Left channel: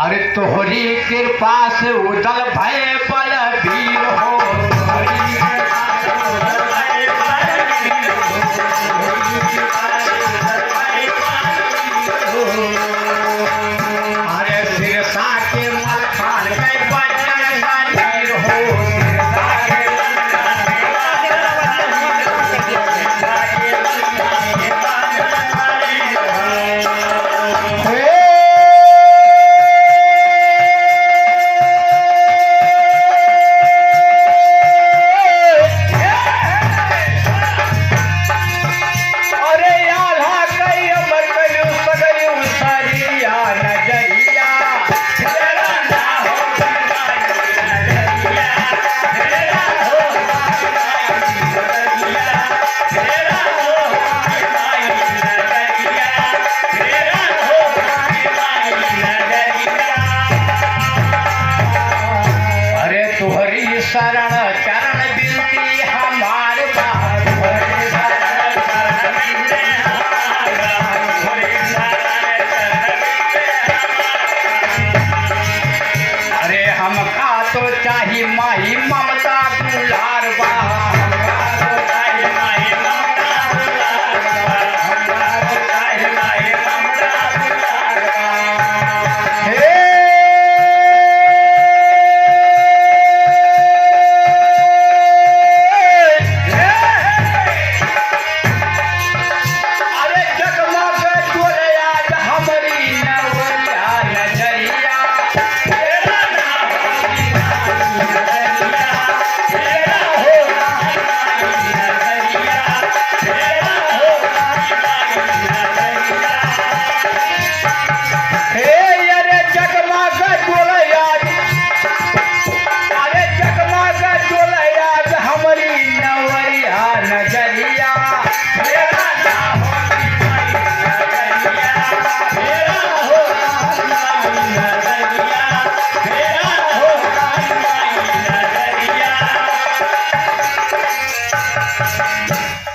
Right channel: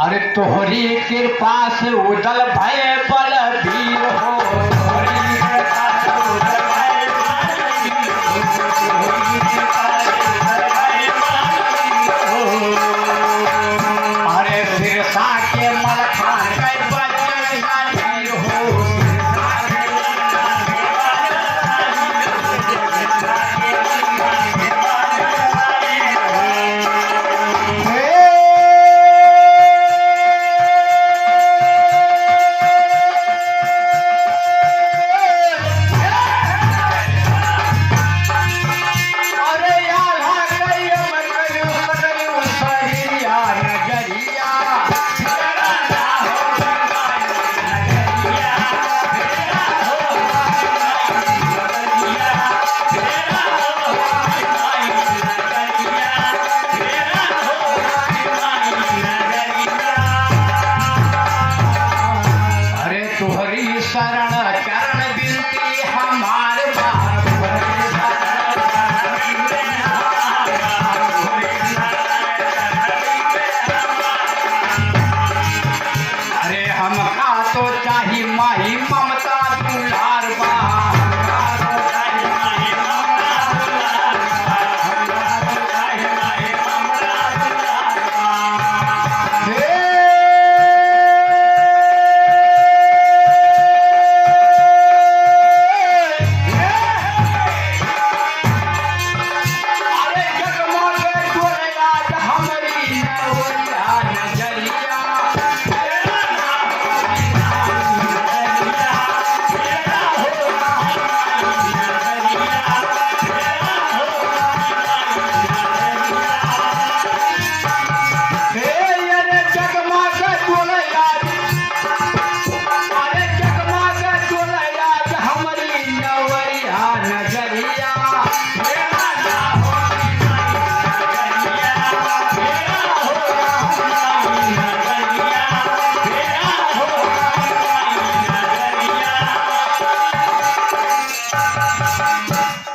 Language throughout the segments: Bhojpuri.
अरे तोहरी कृपा से उदल भय बलबीर हो। अरे सिरसा के मलखान गए बजन शरीर हो।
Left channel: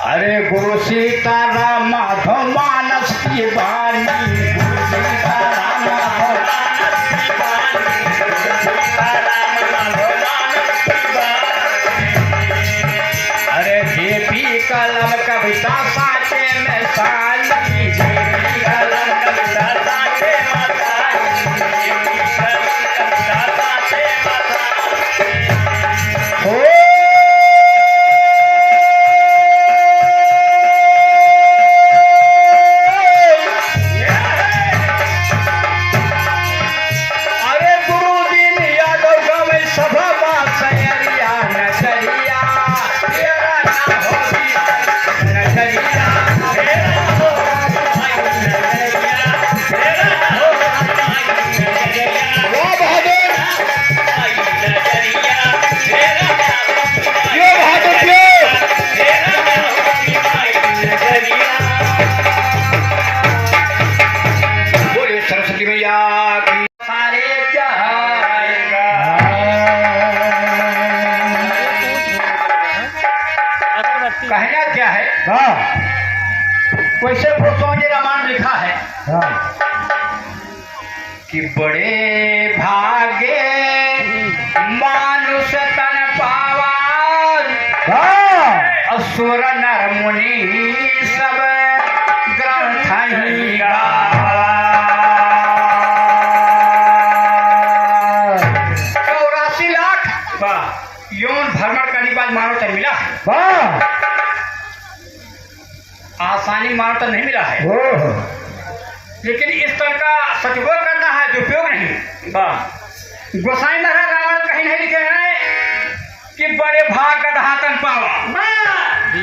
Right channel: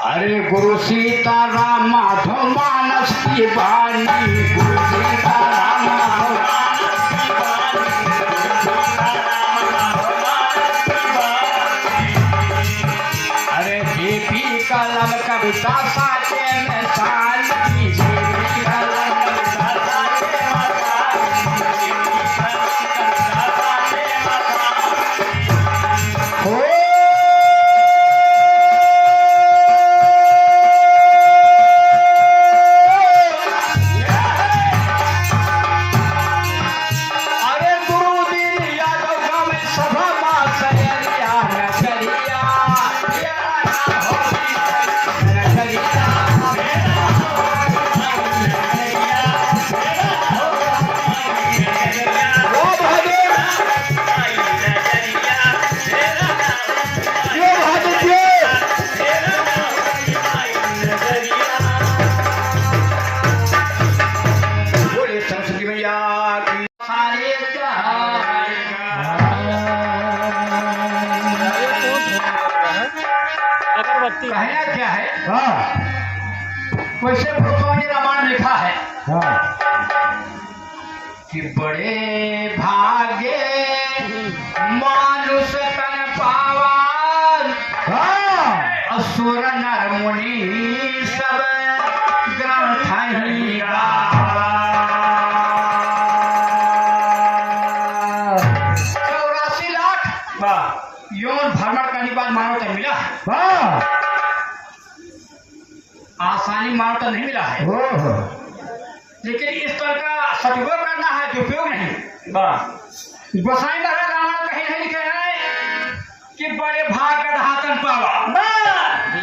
अरे गुरु सीताराम माधव मानस की बानी। गुरु सीताराम माधव अरे जेपी कलम कविता साचे में शांति। जेपी कलम कविता साचे में हो। कहना क्या है? वैसे भूतों ने रामायण लिखा है कि बड़े भागे मानुष तन पावन। असुर नर मुनि सब ग्रंथ ही गावा। 84 लाख यौन भ्रमण करने के बाद मानव तन मिला है। आसानी मानव तन नहीं मिला है, लेकिन इस तरह का सदुपयोग करना है, दुरुपयोग नहीं। गोसाई महाराज रामायण कहीं नहीं लिखे हैं कि बड़े भाग गधा तन पावा।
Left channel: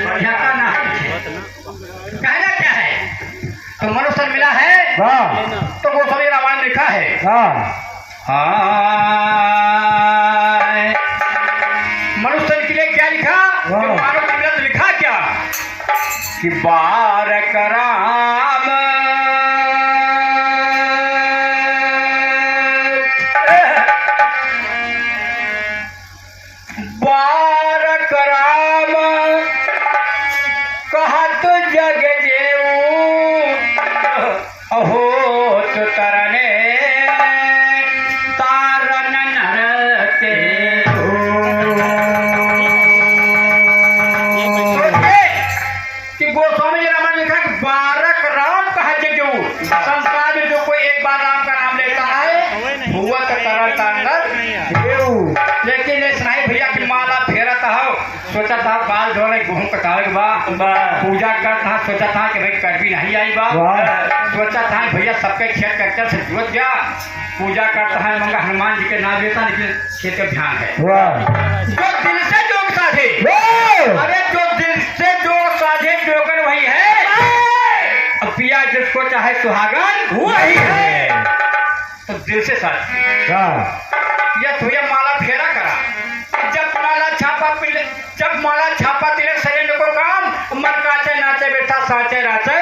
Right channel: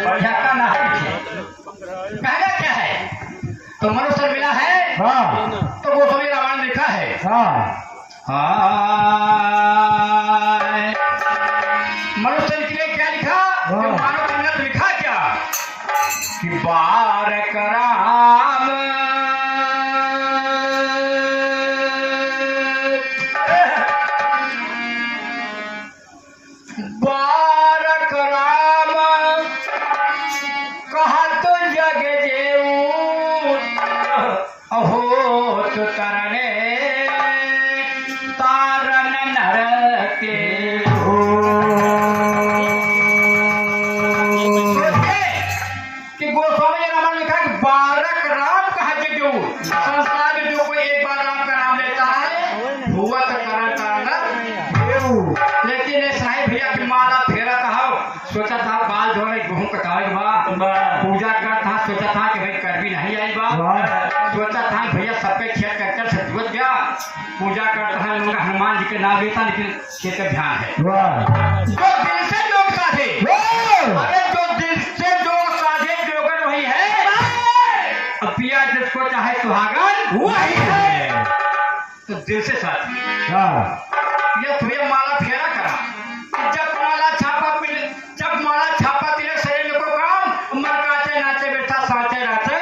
बढ़िया का ना कहना क्या है? तो मनुष्य मिला है तो वो सभी रामायण लिखा है। मनुष्य के लिए क्या लिखा? मानव के लिए लिखा क्या कि बारक राम बारक राम कहत जग जेऊ अहो तो तरने पूजा करता सोचा था कि भाई कर भी नहीं आई बात, सोचा था भैया सबके खेत ट्रैक्टर से जोत गया, पूजा करता है मंगा हनुमान जी के नाम लेता, लेकिन खेत का ध्यान है जो दिल से जोग साधे, अरे जो दिल से जोग साधे जोगर भाई है, अब पिया जिसको चाहे सुहागन वही है, तो दिल से साधे। यह भैया माला फेरा करा, जब माला छापा तेरे शरीर को काम मन काचे नाचे बेटा साचे राचे,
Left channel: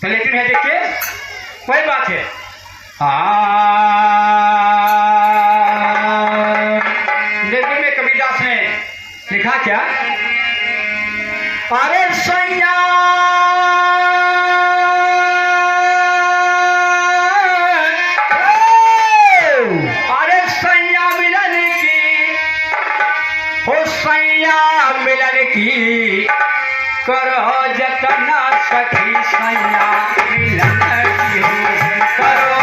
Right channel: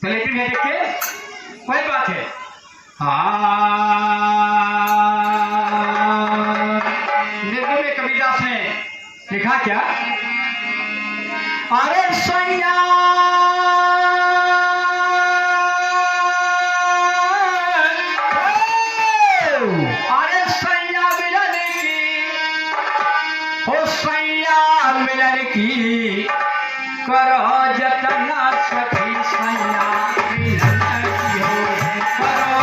तो लेकिन है देखिए कोई बात है। लेकिन में कबीरदास ने लिखा क्या, अरे सैया की करो जतन सखी सैया मिलन की हो, करो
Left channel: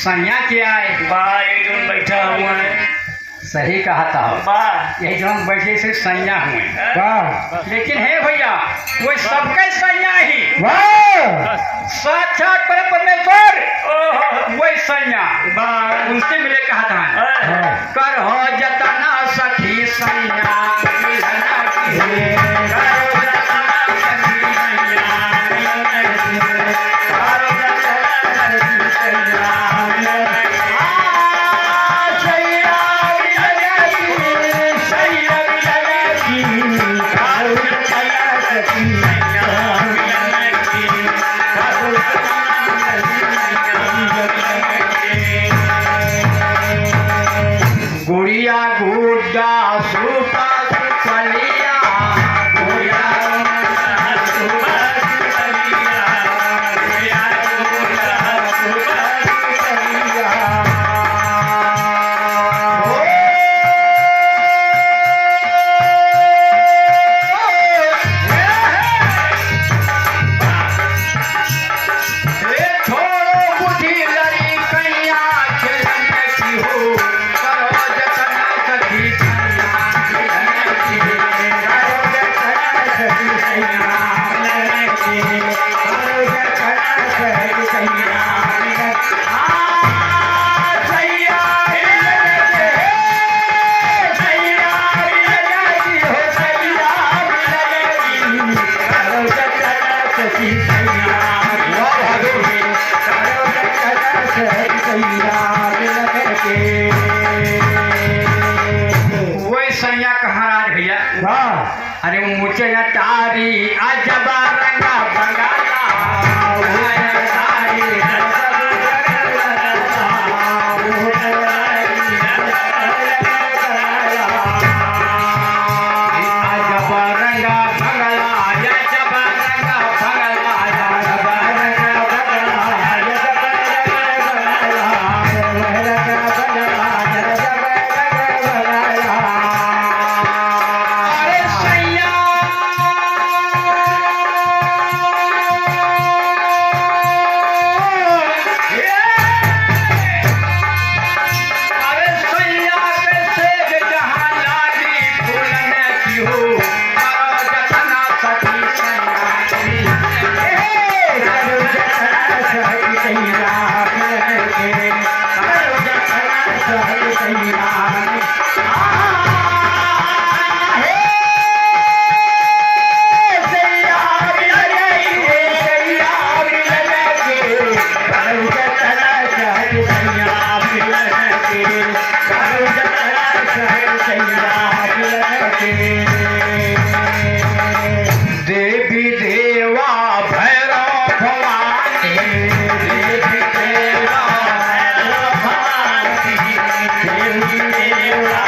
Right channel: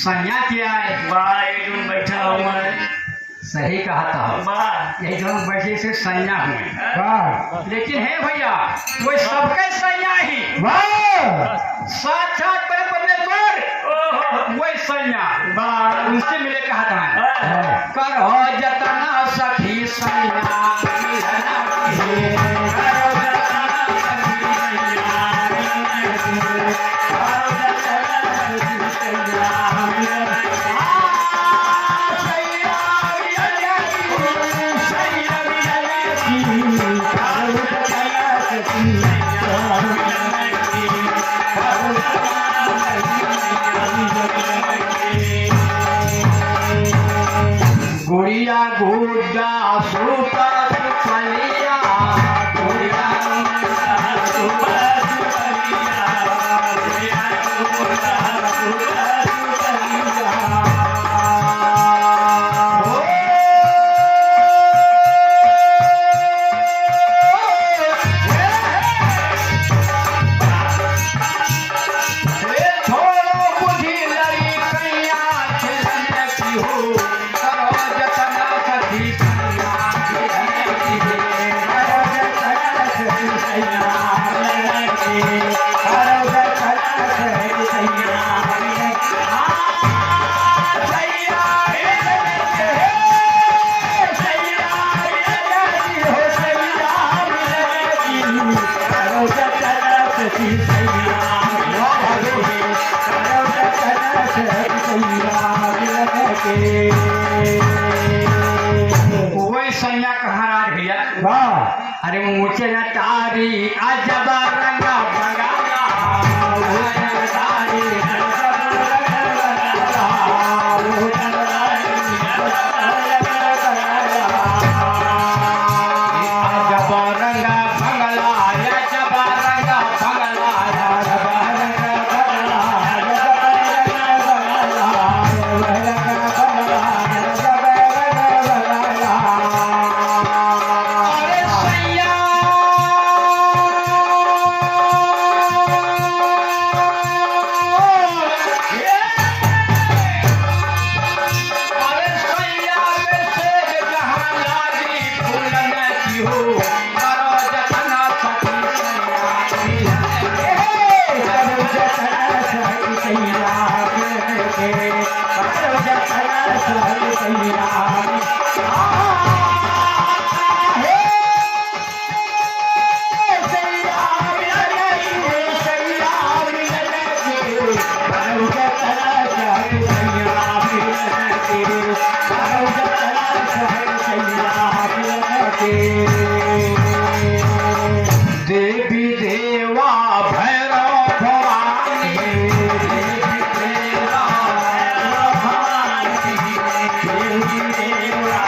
सैया क्या है, एकदम बैठा हुआ सही कहा था, यही जो हम बैठे से सैया हुए, लेकिन है भैया वो सबके सैया ही, साक्षात परमेश्वर वही सैया, उनसे मिले कहा था, करो जतना सखी सैया गुड़िया गुड्डा सूपा सुपलिया, गुड़िया सूपा सुपलिया, गुड़िया गुड्डा सूपा सुपलिया, छोड़ो बुद्धि लड़ी कैया खेलने की हो, वही सैया कहाँ राज भैया, अरे वो मुझे तारी अजबा रंगा देवी देवा भैरव भवानी, देवी देवा भैरव भवानी, देवी देवा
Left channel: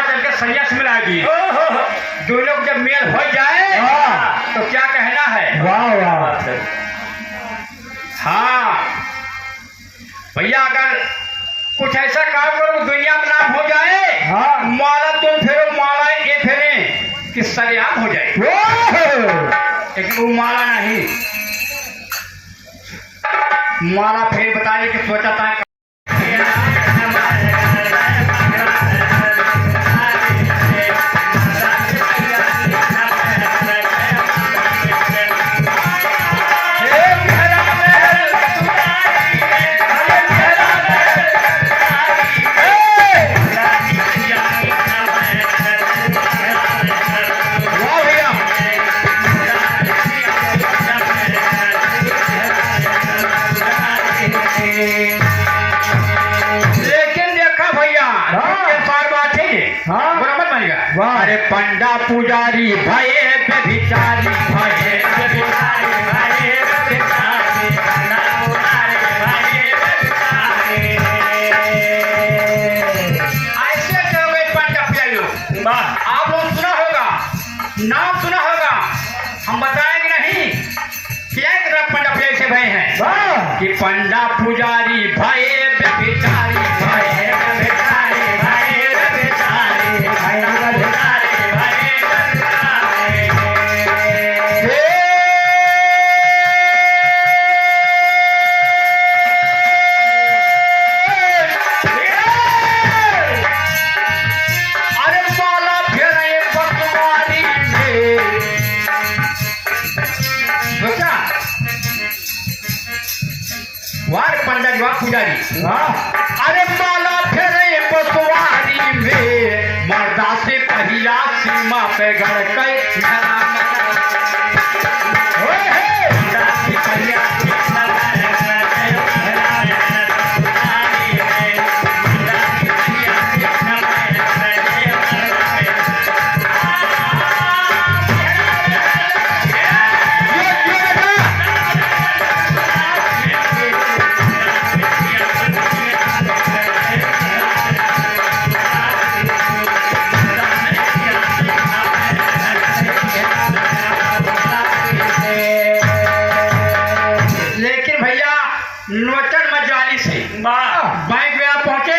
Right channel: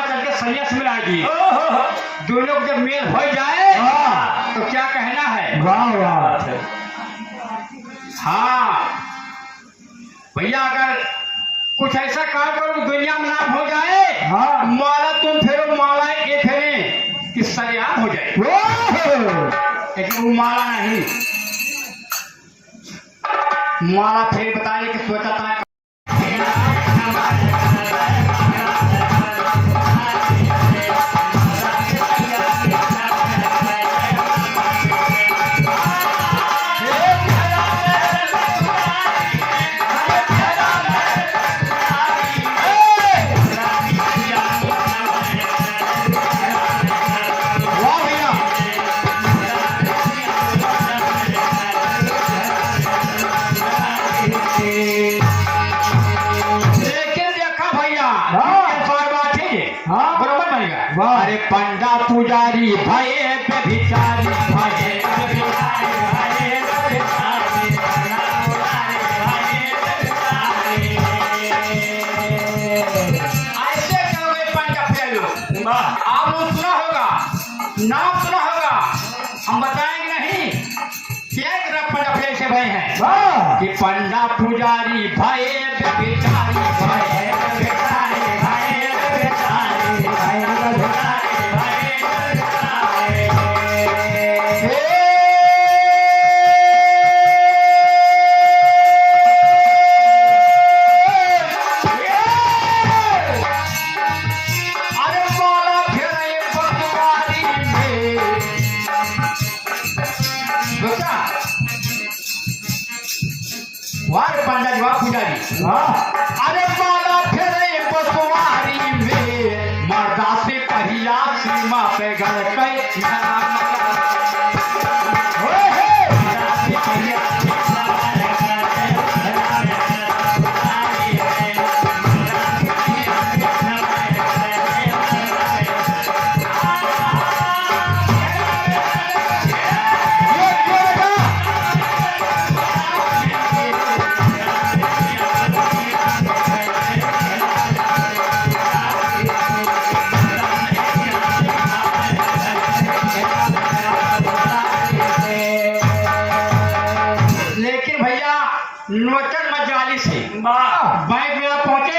चल के संन्यास मिलाएगी। दोनों को जब मेल हो जाए तो क्या कहना है? वाह वाह। हाँ भैया, अगर कुछ ऐसा काम करो दुनिया में नाम हो जाए, हाँ। माला तुम फेरो, माला ये फेरे कि सरेआम हो जाए। लेकिन वो माला नहीं, माला फिर बताने की सोचा था। अरे पंडा पुजारी भये व्यभिचारी, भये व्यभिचारी, भये व्यभिचारी, ऐसे कहोगे पंडा पुजारी लोग। आप लोग सुना होगा, नाम सुना होगा, हम बताएंगे नहीं क्या पंडा पुजारी से भय हैं कि पंडा पुजारी भये व्यभिचारी, भये व्यभिचारी, भये व्यभिचारी, भये व्यभिचारी। पंडा जवाब पुजारी, अरे माला फेरे बसवारी में, मर्दा से पहिला सीमा पे गड़ गए। नोटन मजाली से बैंक में आप पहुंचे,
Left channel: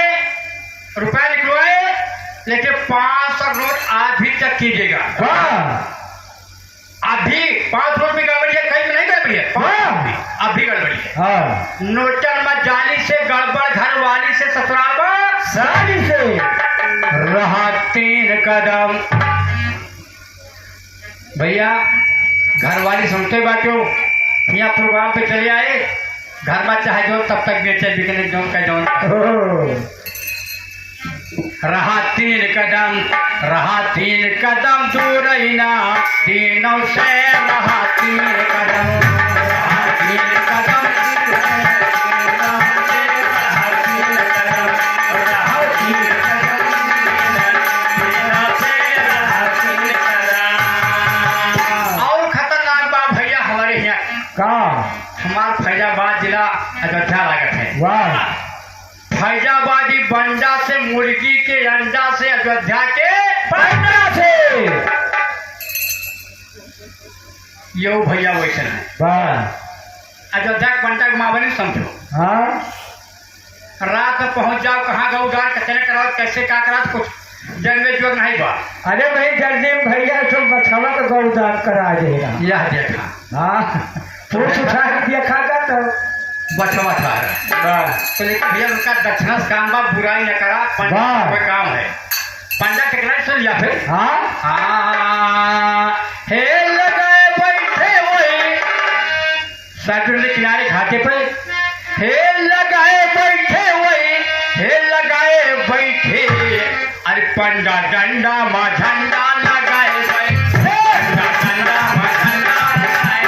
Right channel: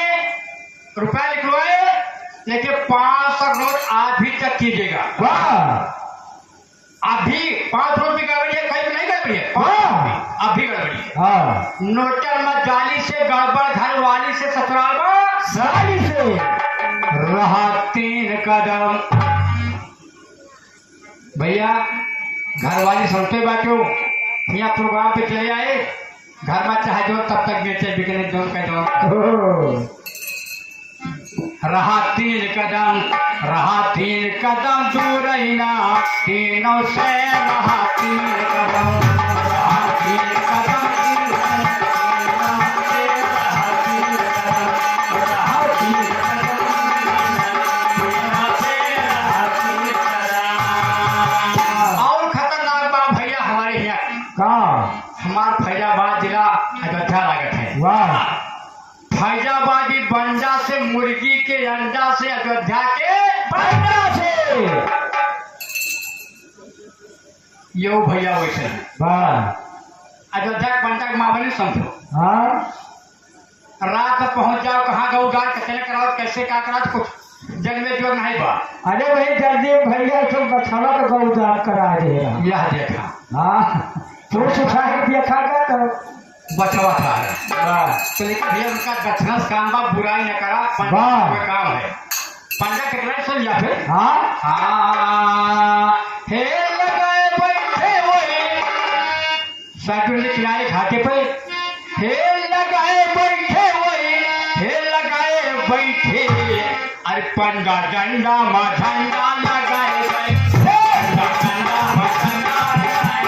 रुपया निकलवाए, लेकिन 500 नोट आज भी तक कीजिएगा। अभी 5 नोट में गड़बड़ी है, कहीं में नहीं गड़बड़ी है, अभी गड़बड़ी है। नोटन मजाली से गड़बड़, घर वाली से ससुराल साली से रहा 3 कदम। भैया घर वाली सुनते बातों, यहाँ प्रोग्राम पे चले आए, घर में चाहे जो तब तक बेचे बिकने जो का जो रहा 3 कदम, रहा 3 कदम दूर ही ना, तीनों से रहा 3 कदम, रहा 3 कदम और खतरनाक बात भैया हमारे यहाँ हमारा फैजाबाद जिला अयोध्या लागत है। वाह। फैजाबादी बंडा से, मुर्गी के अंडा से, अयोध्या के बंडा से, यो भैया वैसे है। वाह। अयोध्या के बंडा माँ बनी समझो। हाँ। रात में पहुंच जाओ, कहाँ गौदार कचरे कराओ, कैसे क्या करा, कुछ जन्मे जो नहीं बा। अरे भाई जल्दी भैया तो बछवा का गौदार करा देगा। यह देखा। हाँ तो सुखा के देखा था तो बचवा था। तो लेकिन भैया उनका दक्षिणा से काम बा, बुराई न करा, पंडा का काम है। पंडा टिकट सुन लिया फिर। हाँ हे लगाए बैठे हुए समुद्र के किनारे घाटे पे, हे लगाए बैठे हुए, हे लगाए बैठे, अरे पंडा डंडा मा झंडा लगाए बैठे, डंडा मा झंडा लगाए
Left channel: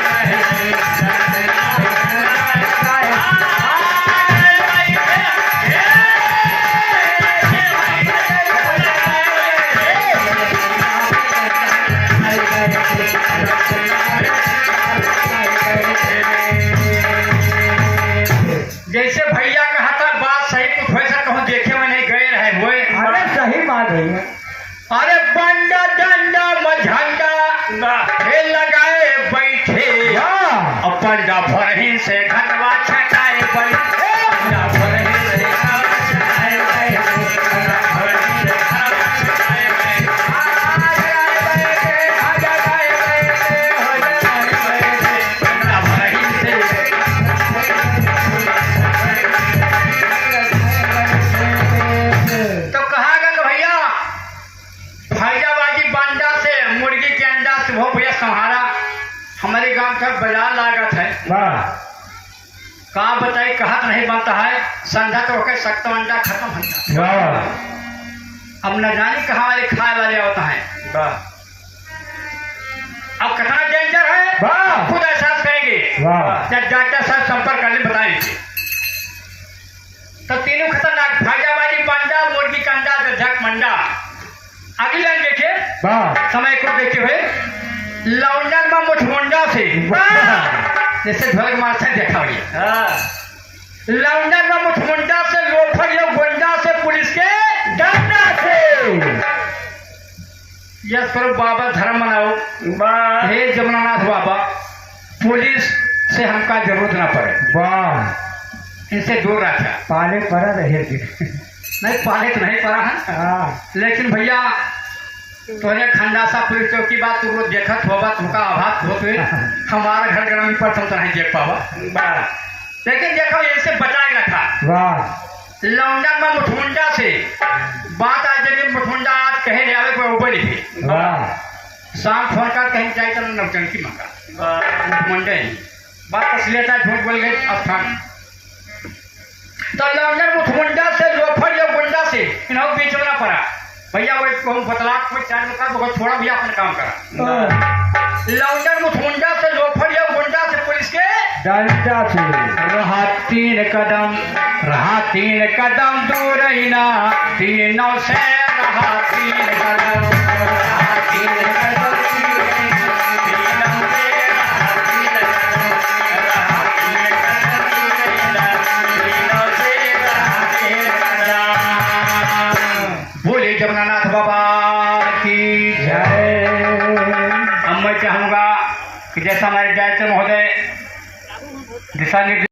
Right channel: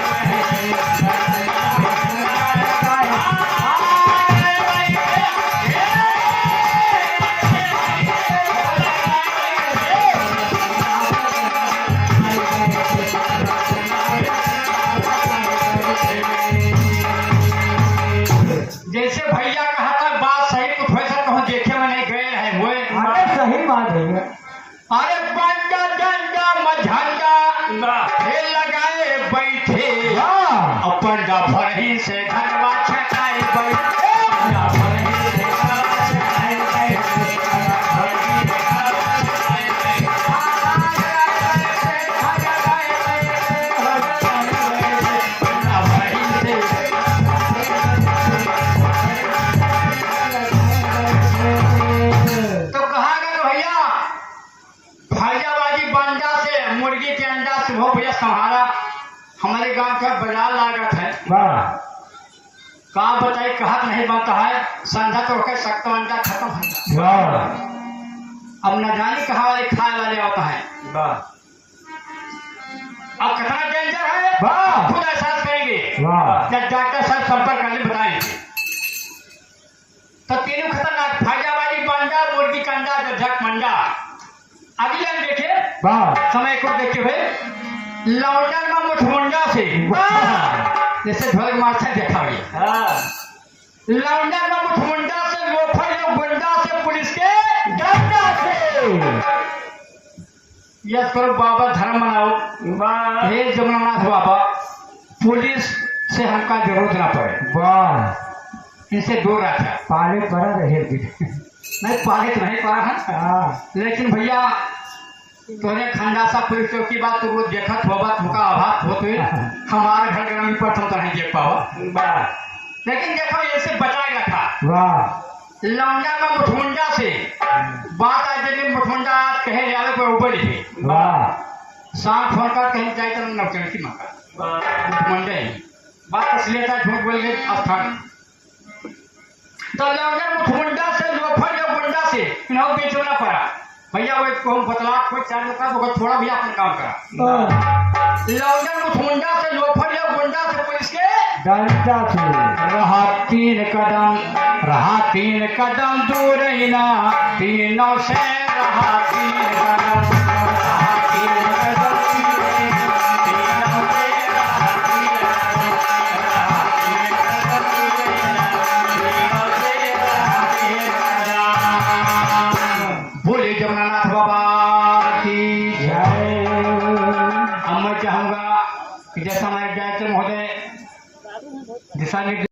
छटाई पर ना भरही रेखा छटाई पर ना भरही रेखा छटाई तो कहा गया कि भैया फैजाबाजी बांडा से मुर्गी के अंडा से हो भैया संभाला हमारे गांव का बाजार लागत है वाह कहाँ बताई कहत नहीं बनता है संधा तो होकर सख्त अंडा खत्म हो जाता वाह अब न जाने कहाँ वाले खाए वाले होता है वाह अब कितना डेंजर है वाह। खुद एहसास करेंगे वाह जब डॉक्टर साहब संपर्क करने बताएंगे तो तीनों खतरनाक फैजाबाजी बांडा मुर्गी का अंडा झक मंडा अगली लाइन देखिए वाह समय को देखते हुए लौंडा में मुठमुंडा से जैसे ढोलक मास्टर देखा हुआ हाँ लौंडा में मुठमुंडा से लोफर या गुंडा से पुलिस के डंडा से यस करो बाबा धर्म मनाओ वाह हे जमुनानाथ बाबा पुलिस से हमका जरूरत ना पड़े वाह इनसे दूर रखा पाले पड़ा रहे थे नहीं पाले तो नहीं पड़ा है हाँ लेकिन भैया तोरे खंडासा पुलिस चौकी बात तो वो देखत होगा तुमका आभास होत हुई हमारा घर ग्रामीण पर तुम तो नहीं देख पाओ वाह लेकिन देखो ऐसे बचा के रखा वाह लौंडा में मुठमुंडा से बात आज जब मुठमुंडा आज कहे जावे कोई ऊपर लिखे वाह शाम फोन कर कहीं चाहिए तो नवचंकी मांगा मुठमुंडे ही बात असलियत है झूठ बोल गए स्थान तो लौंडा मुठमुंडा से लोफर या गुंडा से इन्हों बीच में ना पड़ा भैया वो कहूँ बतला कोई चार का तो थोड़ा भैया अपना काम करा लौंडा मुठमुंडा से लोफर या गुंडा से पुलिस के डंडा से रहा तीन कदम दूर ही ना तीनों से रहा तीन कदम रहा तीन कदम दूर ही ना, तीनों से रहा तीन कदम रहा तीन कदम दूर ही ना, तीनों से रहा तीन कदम। बोले जमुनानाथ बाबा की जय अब मैं चाहूंगा कि जैसा हमारे डायरेक्टर महोदय दिशा निर्देश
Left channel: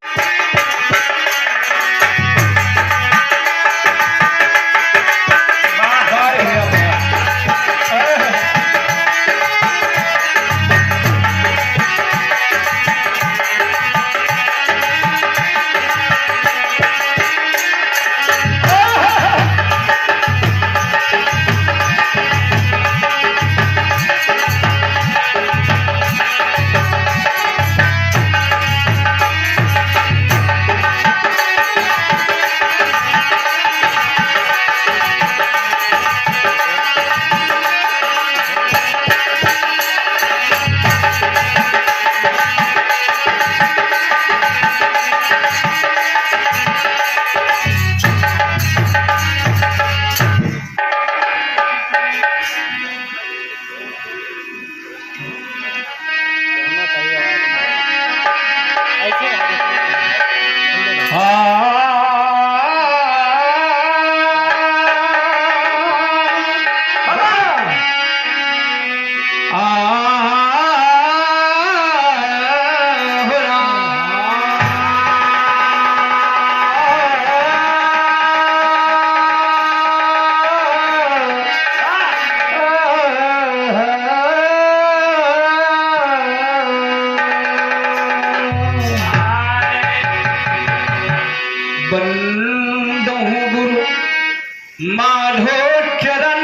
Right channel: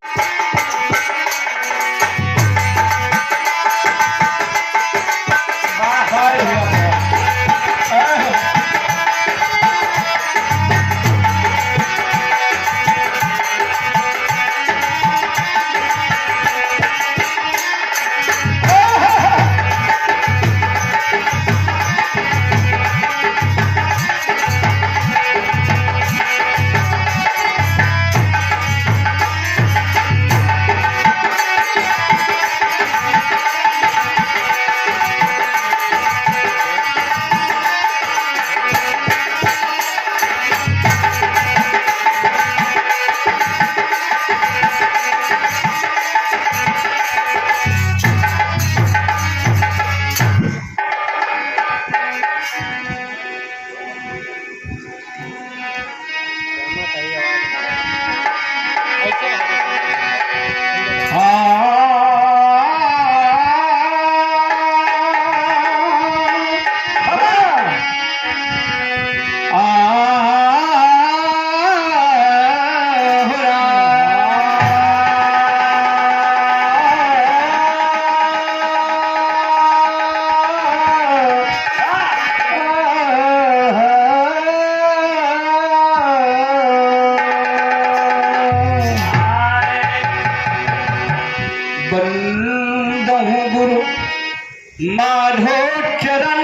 माधो चरण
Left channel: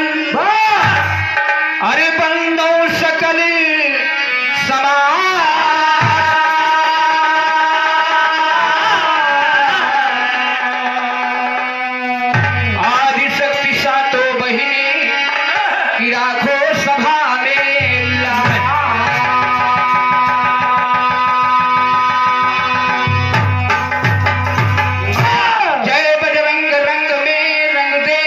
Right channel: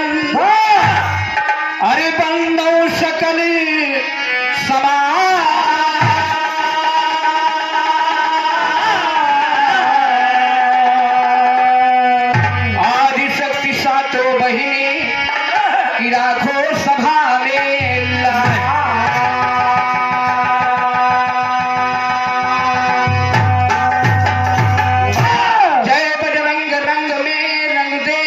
अरे बंदौ सकली आदि शक्ति सातो बहिनी की राखो सभा में जय बजरंग रंग में रंग दे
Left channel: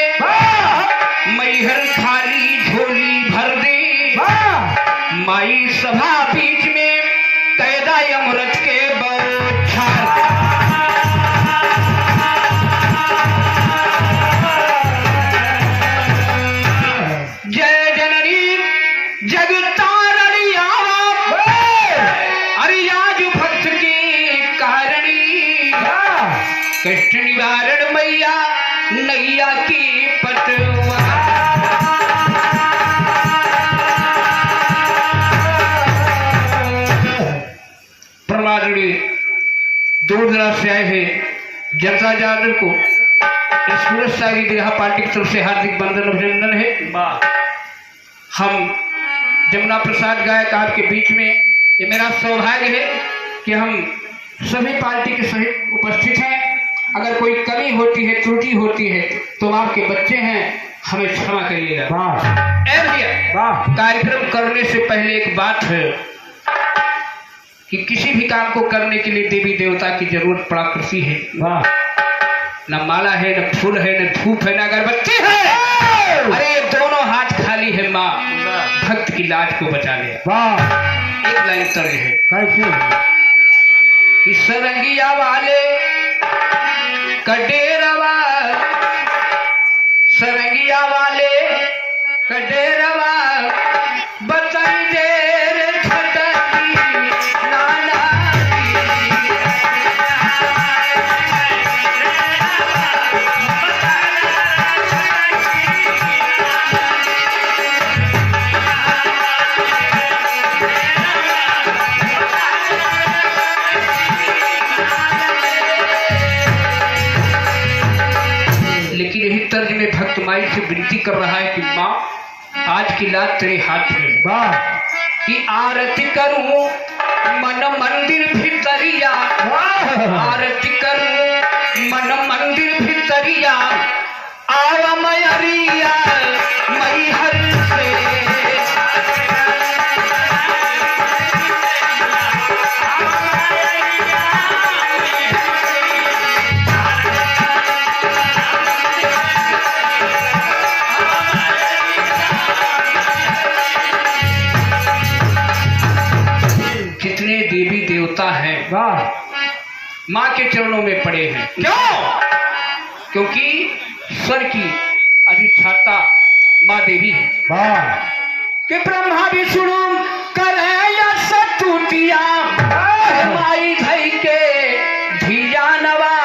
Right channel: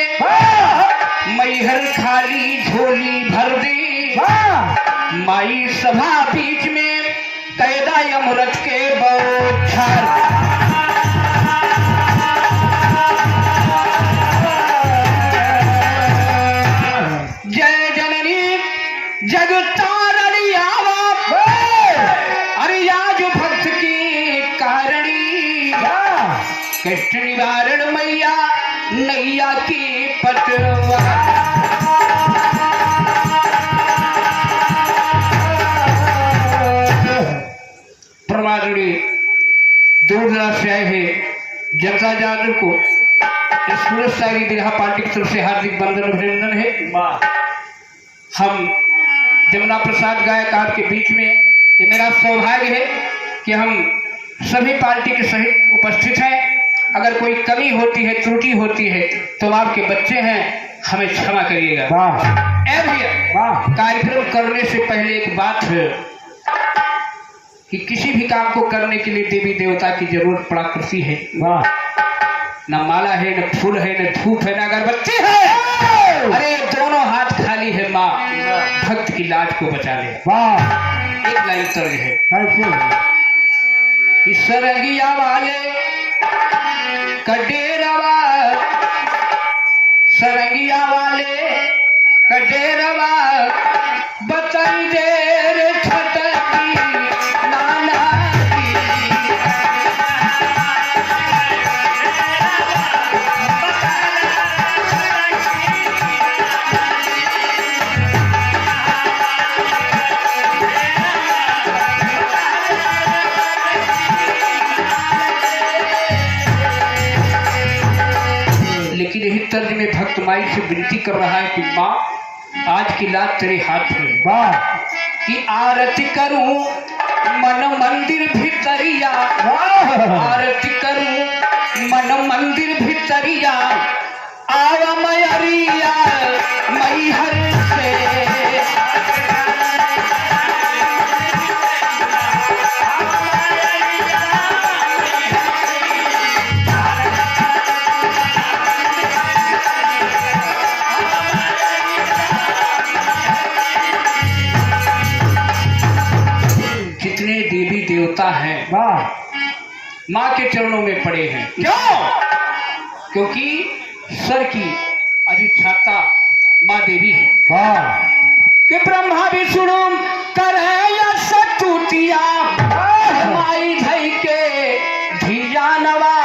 कष्ट निवारण मैया नैया की पटवा। परमादरणीय दूर दराज से आए हुए जनता जनार्दन को इस पुरस्कारी दीर्घा पार्टी की तरफ से हार्दिक वंदन अभिनंदन है। हम जमुना प्रसाद गायक आपके बीच में, ये मेरा सौभाग्य है कि हम सभी पार्टी के सहित उपस्थित हैं। अगर कोई कमी होती है, त्रुटि होती है तो आपके बच्चे हैं, हमें क्षमा करिएगा। कार्यक्रम करने से पहले एक बात है कि किसी भी काम को करने के लिए देवी देवता की जरूरत पड़ा करती है। न माला है, न फूल है, न धूप है, न अगरबत्ती है। अरे ये दोनों हाथ खाली है माँ, भक्त की लाज को बचा ले। एक लाइन तर्ज है कि सरंगिया वाले कडेरवा, सरंगिया वाले कडेरवा बतई देर छटकी नाना की। लेकिन यही तर्ज में भक्त माई से विनती कर रहा है कि माँ आज की लात तेरे हाथ में है कि आरती करूं मन मंदिर भितरिया, आरती करूं मन मंदिर भितरिया, आव मैरिया मैहर से। जितने देवी देवता हैं माँ के चरणों में पड़े हैं। क्यों? क्योंकि स्वर की अधिष्ठाता माँ देवी है। कि ब्रह्मा विष्णु करे स्तुतिया, माई धई के धिया नवा।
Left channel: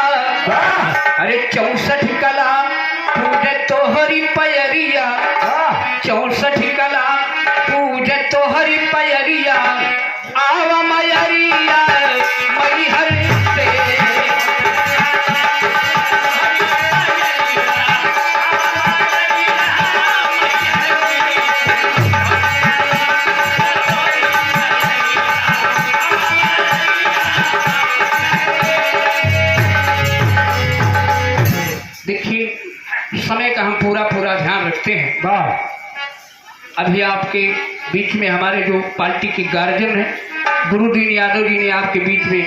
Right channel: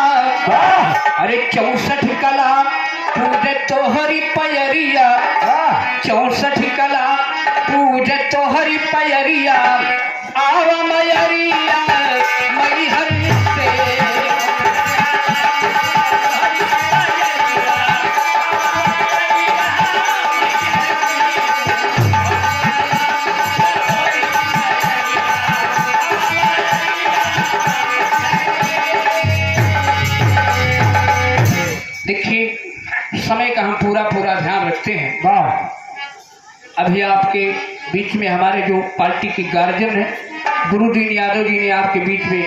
अरे 64 कला पूजे तोहरी पैरिया, 64 कला पूजे तोहरी पैरिया, आवा मैरिया मैहर से। देखिए समय का हम पूरा ध्यान रखते हैं। अभी आपके बीच में हमारे जो पार्टी के गार्जियन हैं गुरुदीन यादव जी ने आपके बीच में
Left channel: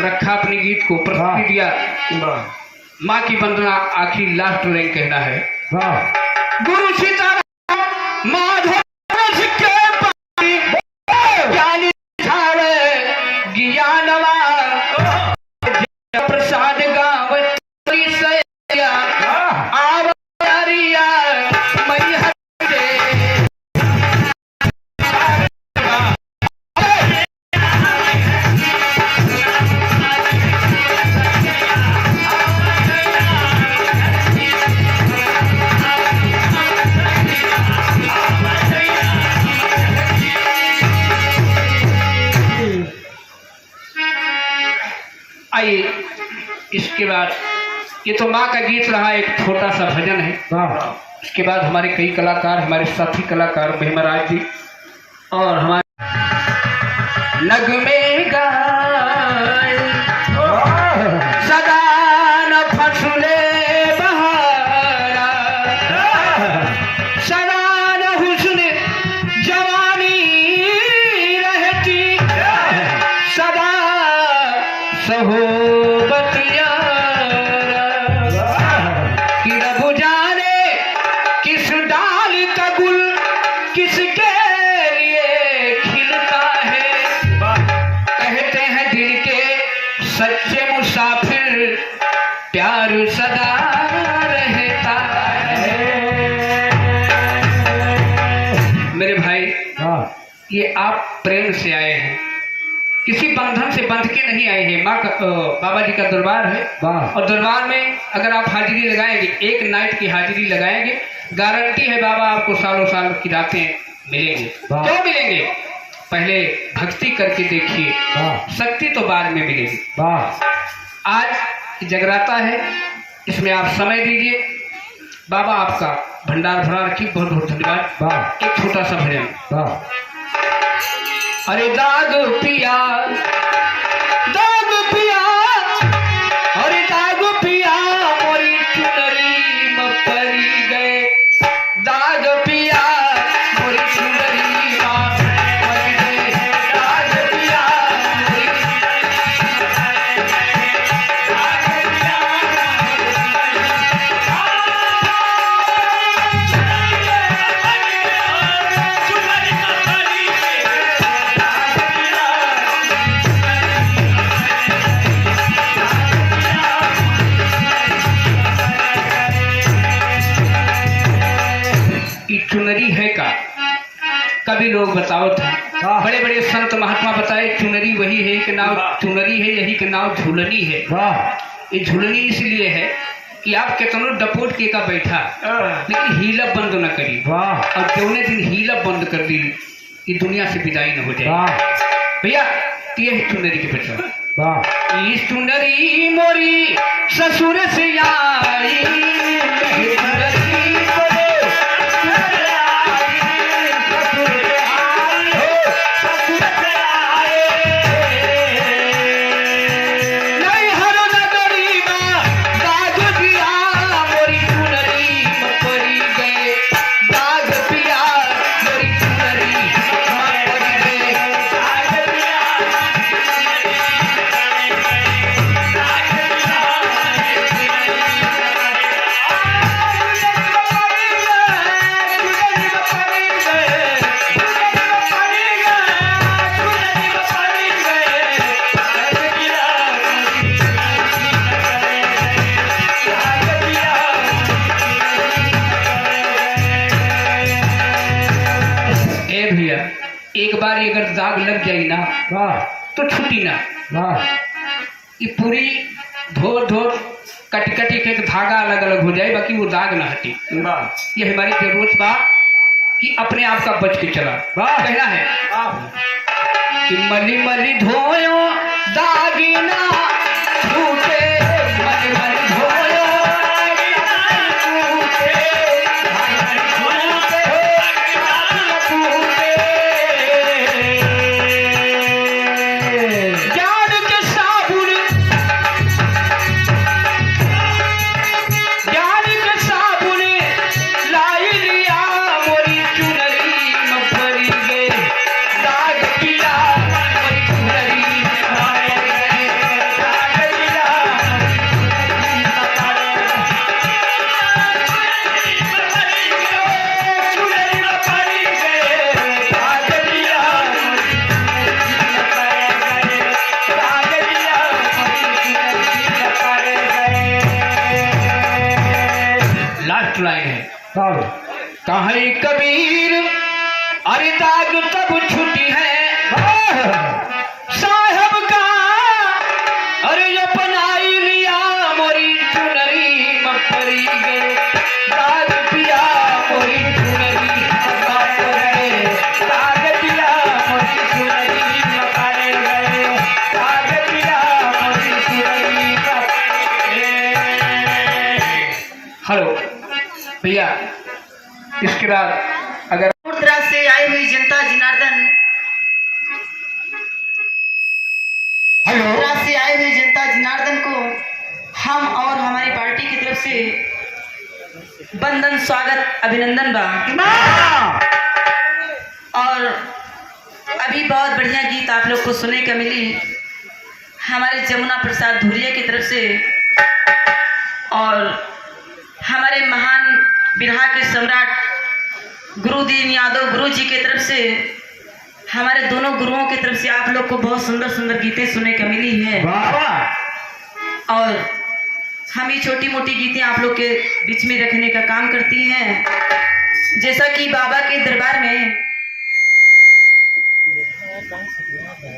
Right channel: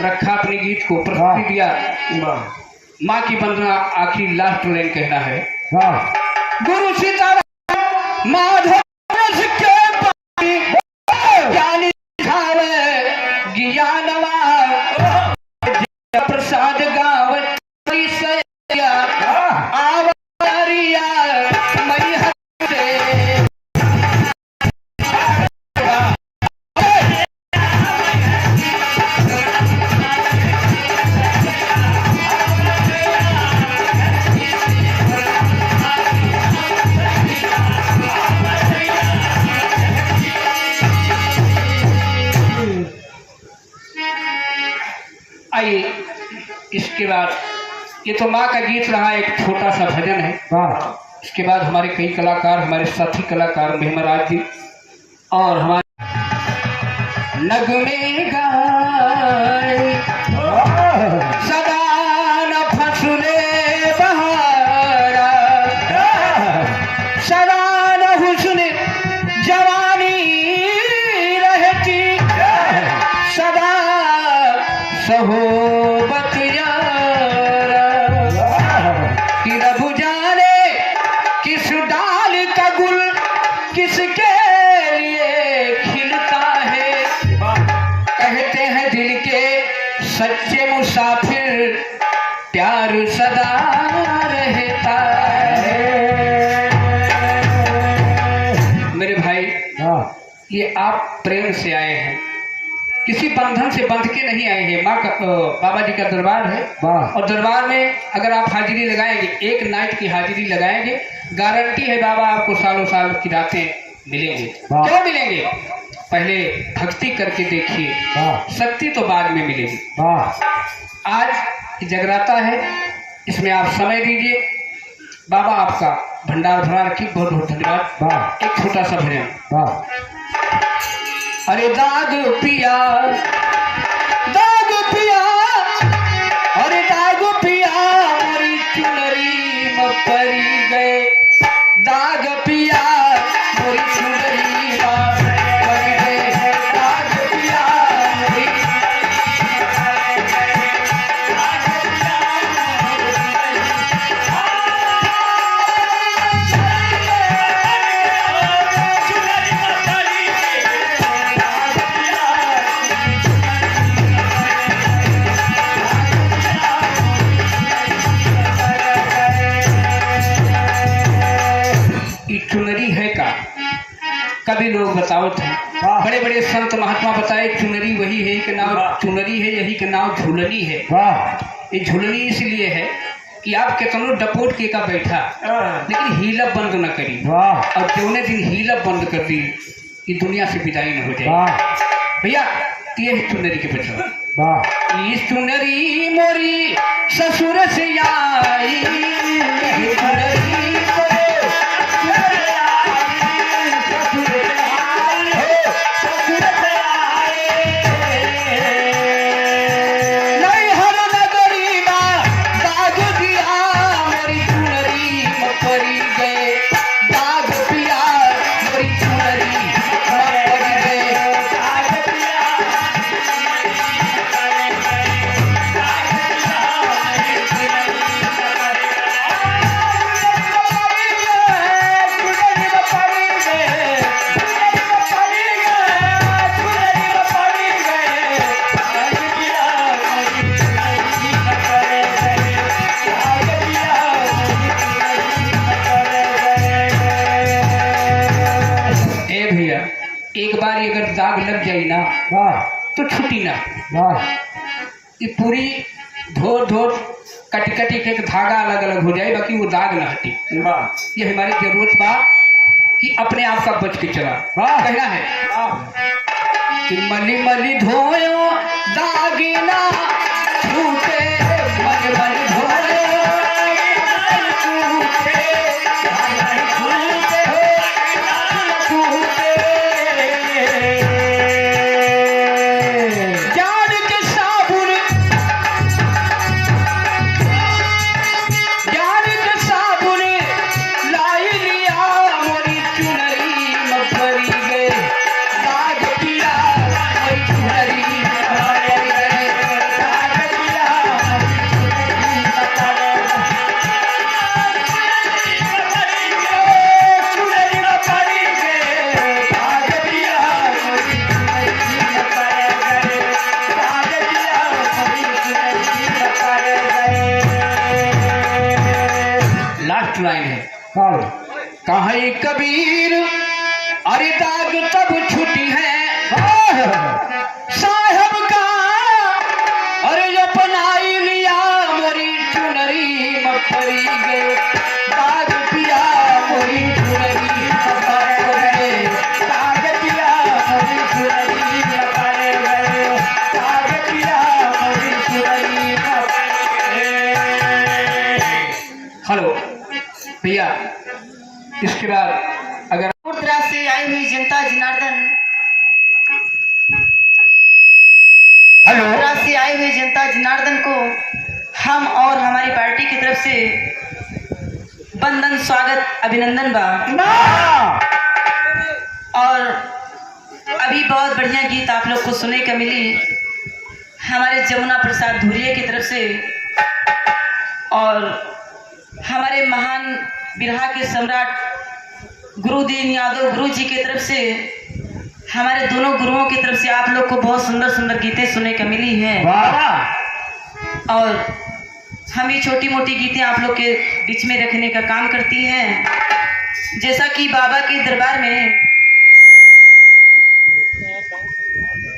रखा अपने गीत को प्रस्तुति दिया। माँ की वंदना आखिरी लास्ट लाइन कहना है। गुरु सीताराम माधव के ज्ञानी ज्ञानवा प्रसाद गाँव इसके बाद ये तो माँ का गीत रहा, एक छोटा सा भजन है। इसके बाद हमारे कई कलाकार, हमारे साथी कलाकार महिमराज जी और हमारे नगमे गाए सदा न फसले बहारा, सदा न हुस्न जवानी रहती, सदा सहोबत कि रघु जाने किस डाल का गुल किसके लिए खिलता है। कहते हैं दिल के सच्चे मुसाफिर प्यार सदा रहता है। मेरे भाई ये आप प्रेम से आए हैं, किसी बंधन से बंध के नहीं आए हैं। बाबा जी का दरबार है और दरबार में अगर आप हाजिरी लगाएंगे, एक नाइट की हाजिरी लगाएंगे, गारंटी है बाबा आपको सालों साल की रातें मिलेंगे। क्यों मिलेंगे? पहले भक्ति करके देखिए, शक्ति तो बाद में मिलेगी। आज जगराता है, इसमें आप समय दीजिए। बाबा आपका भंडार भरा रखिए। बहुत बहुत धन्यवाद। एक छोटा सा भजन। अरे दाग पिया, दाग पिया, अरे दाग पिया मोरी चुनरी में परी गए। दाग पिया मोरी चुनरी में परी गए। दाग पिया मोरी चुनरी है का कभी लोग बताओ थे, बड़े बड़े संत महात्मा बताए चुनरी वही है कि नाम चुनरी है, यही के नाम झूलनी है। ये झूलनी इसलिए है कि आप कितनो डपोट के का बैठा लेकिन हीला बंद न करी, और जौने दिन हीला बंद कर दी ये दुनिया से विदाई न हो जाए। भैया ये है चुनरी के बचवा। इस चुनरी मोरी ससुर से आई, एक बार अगर दाग लग जाए ना तो छुट्टी ना। ये पूरी धो धो कटी कटी के एक धागा अलग अलग हो जाए, बाकी वो दाग ना हटे। ये हमारी जरूरत बा कि अपने आप का बच के चला। कहना है कि मली मली धोयो दागिना छूटे, मली मली धोयो कहे कबीर अरे दाग तब छुट्टी है साहब का, अरे अपनाई लिया मोरी चुनरी में परी गए। दाग पिया मोरी चुनरी में परी गए, दाग पिया मोरी चुनरी में परी गए, दाग पिया मोरी चुनरी में। हेलो भैया, इसके बाद अगर दूर-दराज से आई हुई जनता जनार्दन, दूर-दराज से आई हुई जनता जनार्दन को हम और हमारी पार्टी की तरफ से बंदन, स्वागत, अभिनंदन बा। और अभी बहुत बढ़िया गीत आप लोग को सुनने का मिली हमारे जमुना प्रसाद धुरिया की तरफ से, और हमारे महान बिरहा के सम्राट गुरुदीन यादव गुरु जी की तरफ से, हमारे दोनों गुरुओं की तरफ से आप लोग को बहुत सुंदर सुंदर गीतें सुनने का मिली हैं। और हम ये छोटी मोटी गीतें आप लोग के बीच में रखने का काम करती हैं। जैसा कि बाबा के दरबार में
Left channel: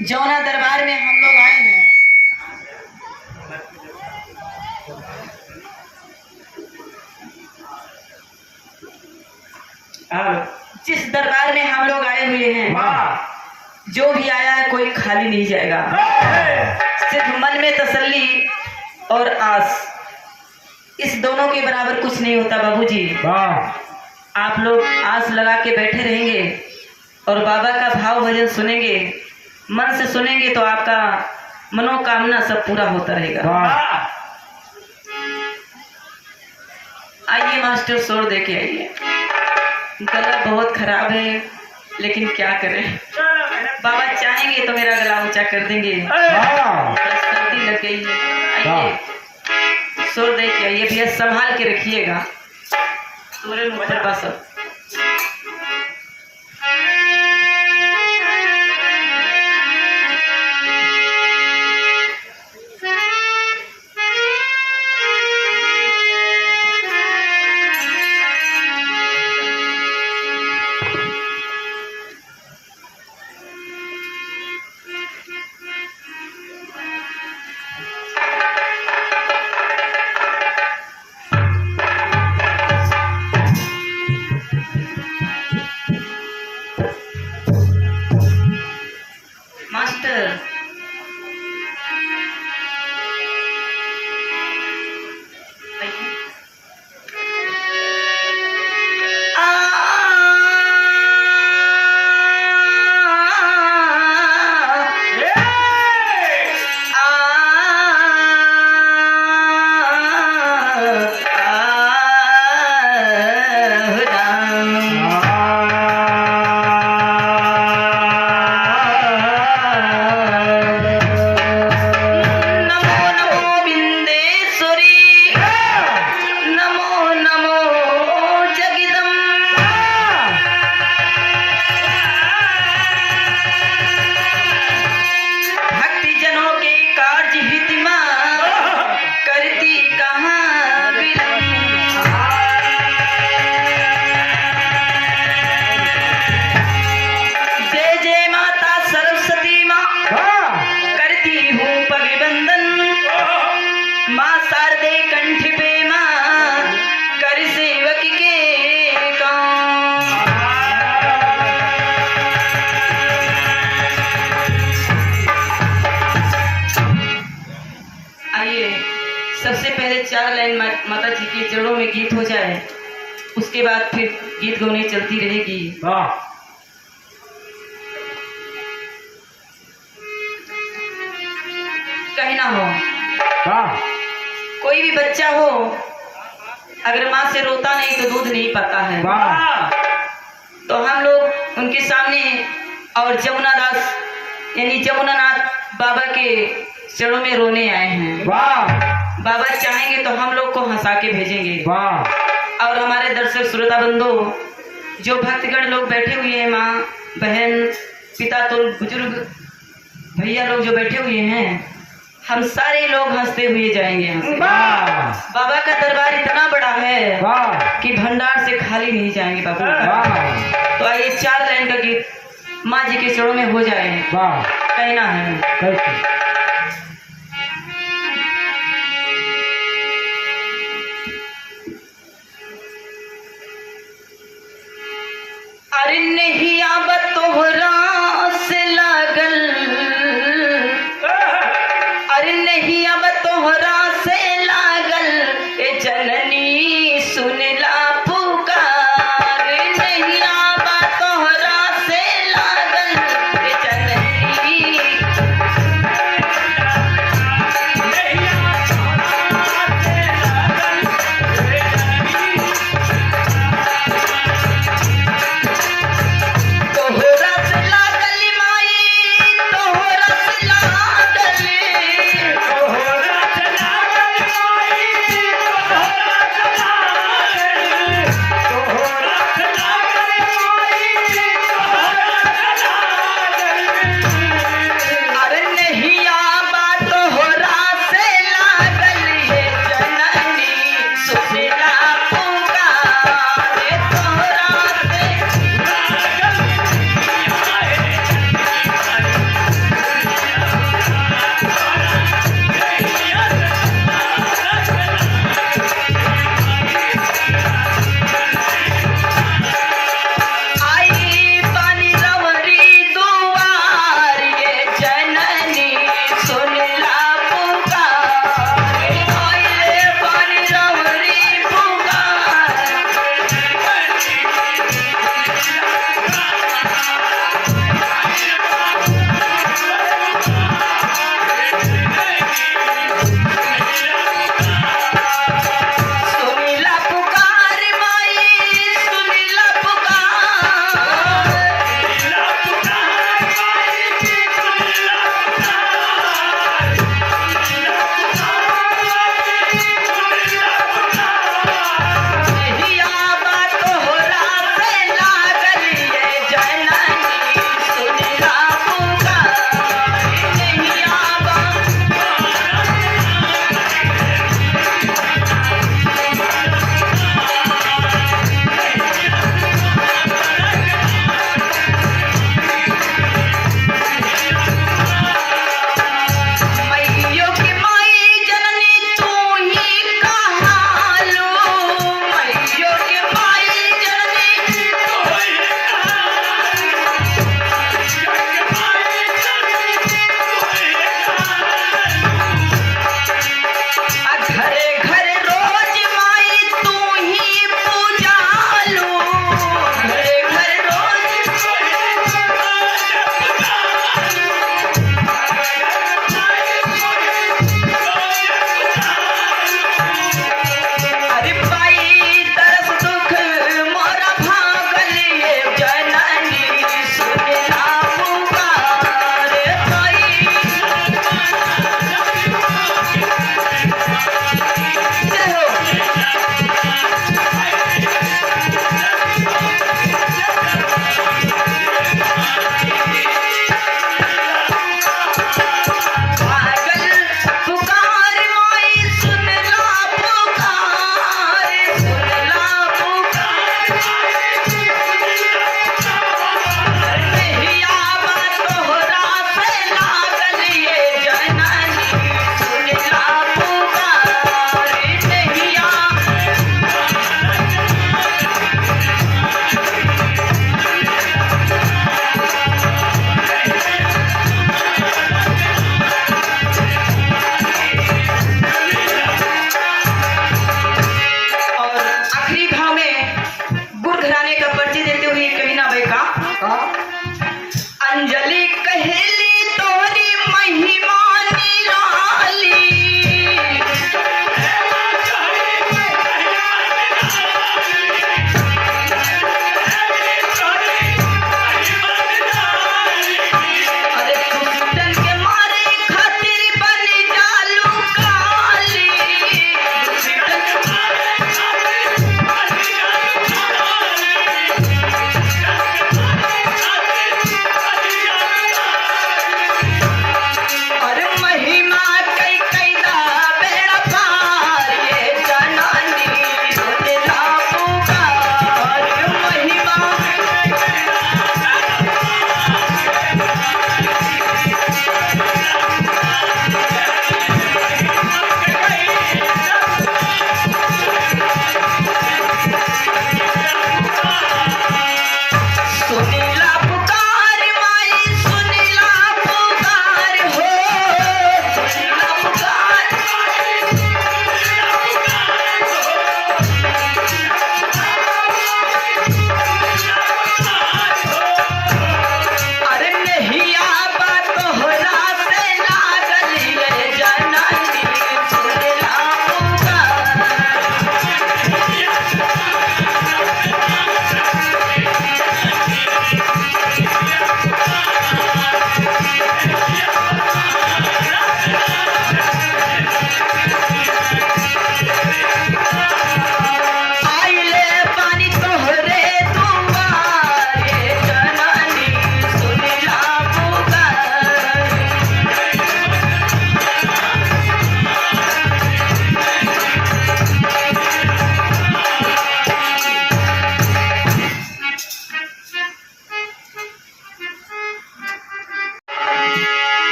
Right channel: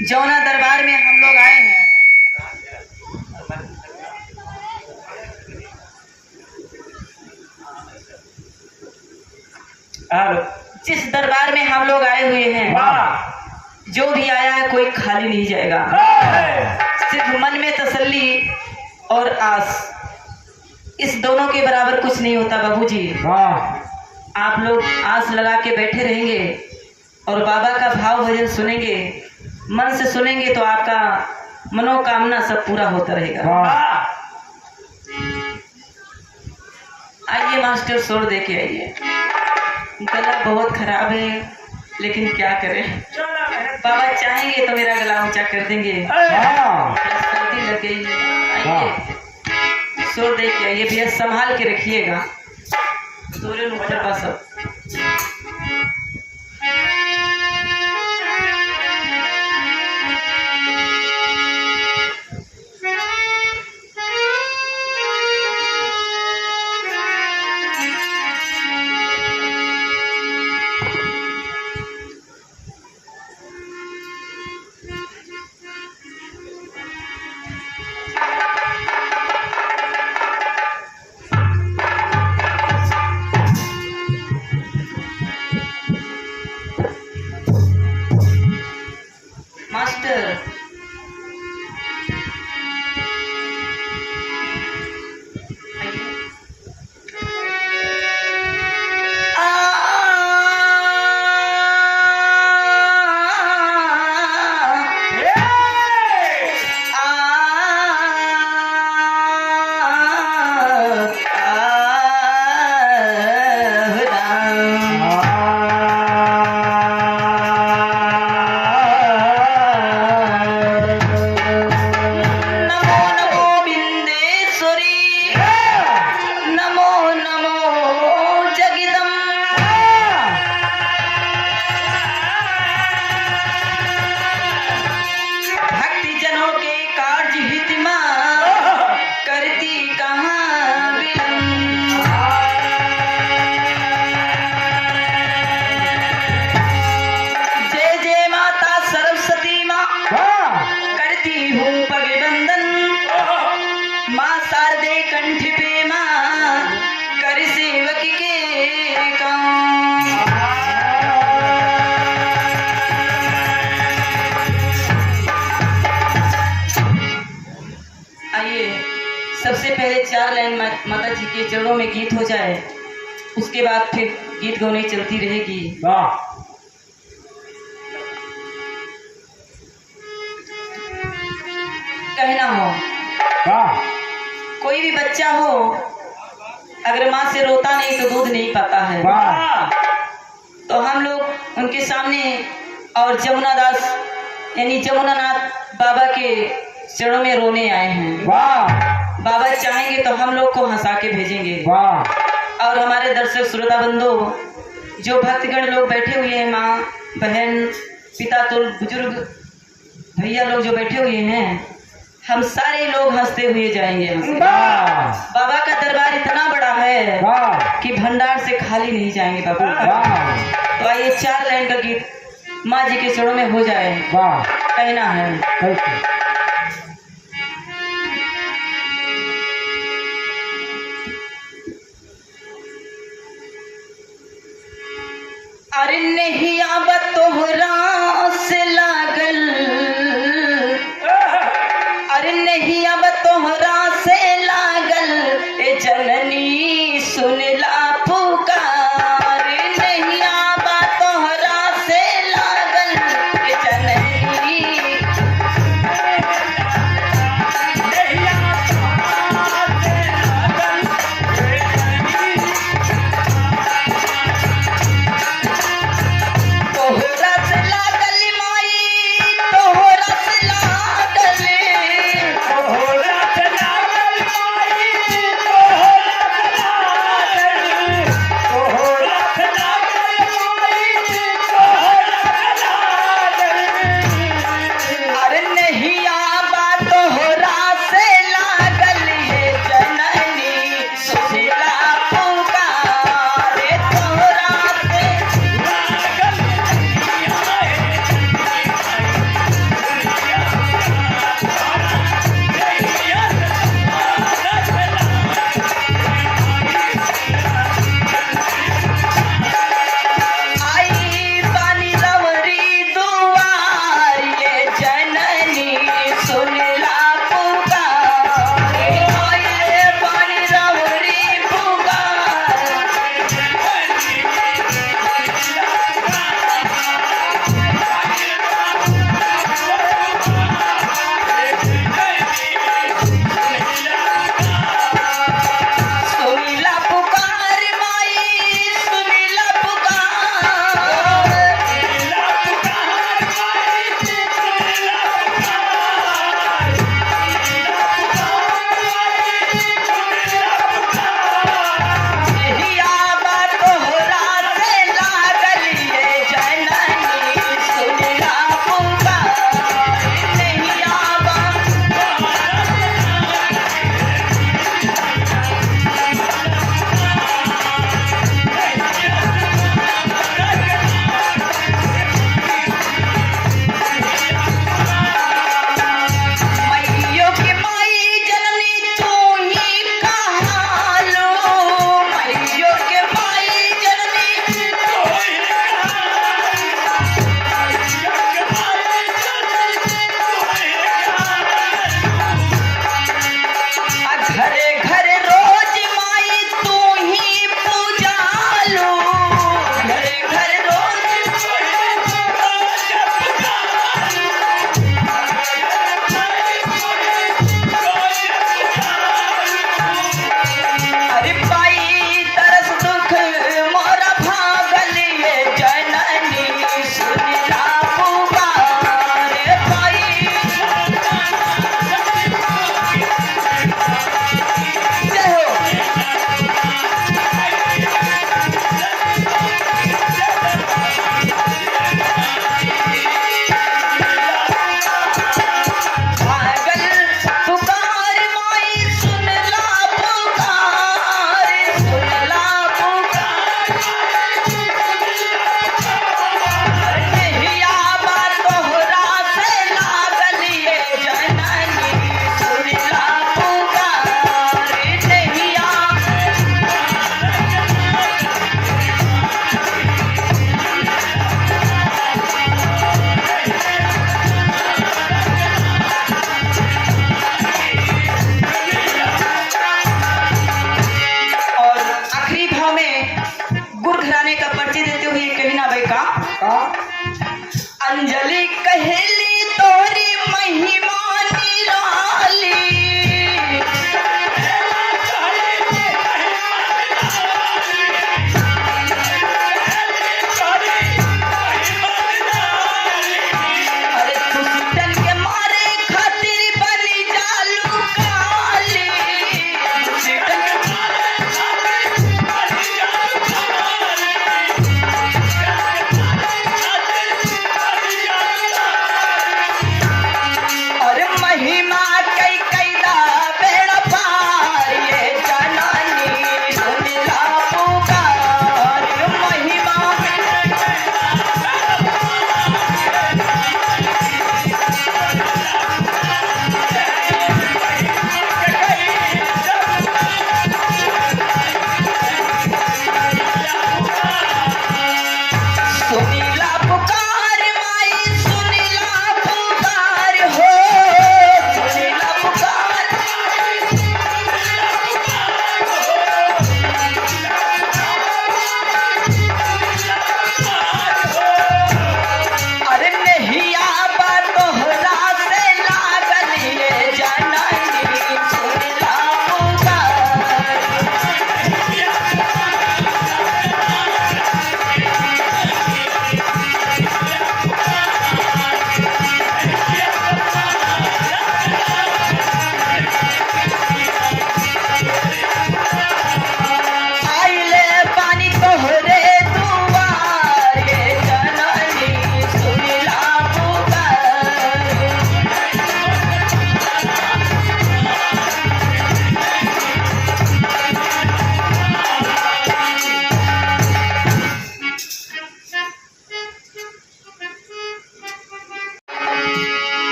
जौना दरबार में हम लोग आए हैं, जिस दरबार में हम लोग आए हुए हैं, जो भी आया है कोई खाली नहीं जाएगा। सिर्फ मन में तसल्ली और आस, इस दोनों के बराबर कुछ नहीं होता बाबूजी। आप लोग आस लगा के बैठे रहेंगे और बाबा का भाव भजन सुनेंगे, मन से सुनेंगे तो आपका मनोकामना सब पूरा होता रहेगा। आइए मास्टर, शोर दे के आइए। गला बहुत खराब है लेकिन क्या करें, बाबा चाहेंगे तो मेरा गला ऊंचा कर देंगे। सर्दी लग गई है। आइए शोर दे के आइए भैया, संभाल के रखिएगा। तोरे ऊपर बस अब माता जी के चरणों में गीत हो जाए, उसके बाद फिर गीत गाने चलती रहेगी। कहीं ना हो कोई भी बच्चा हो, अगर माँ से रोता नहीं तो दूध नहीं पाता है। तो हम लोग उनके सामने और जमुना दास यानी जमुनानाथ बाबा के चरणों में रोने आए हैं। बाबा चाहेंगे तो हम लोग को हंसा के भेजेंगे। और हमारे दर्शक श्रोता बंधु, जो भक्तगण लोग बैठे हुए हैं, माँ बहन पिता तुल बुजुर्ग भैया लोग जो बैठे हुए हैं, हम सारे लोग हंसते हुए जाएंगे। बाबा का दरबार इतना बड़ा है कि भंडार से खाली नहीं जाएंगे बाबू। तो आइए 4 लाइन का गीत माँ जी के चरणों में हो जाए। कहना है अरे नहीं आब तोहरा से लागल, अरे नहीं अब तोहरा से लागल, ए जननी सुनला पुकार। नहीं आब तोहरा से लागल, ए जननी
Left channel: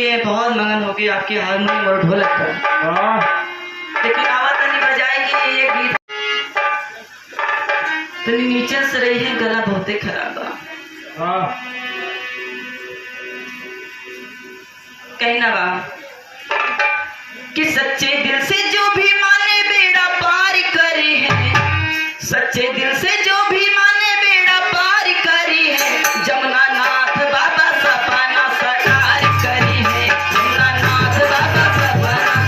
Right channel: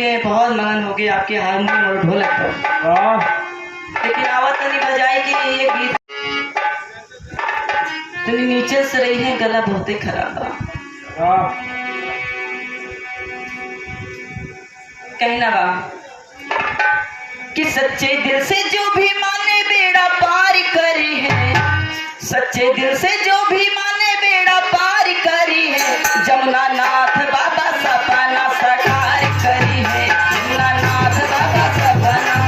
लिए बहुत मगन हो गए आपके हारमोनियम और ढोलक पर। वाह लेकिन आवाज नहीं बजाए कि ये गीत तनी नीचे से रही है, गला बहुत ही खराब है। वाह कहीं ना बा कि सच्चे दिल से जो भी माने बेड़ा पार करी है, सच्चे दिल से जो भी माने बेड़ा पार करी है, जमुना नाथ बाबा सपना साकार करी है, जमुना नाथ बाबा सपना।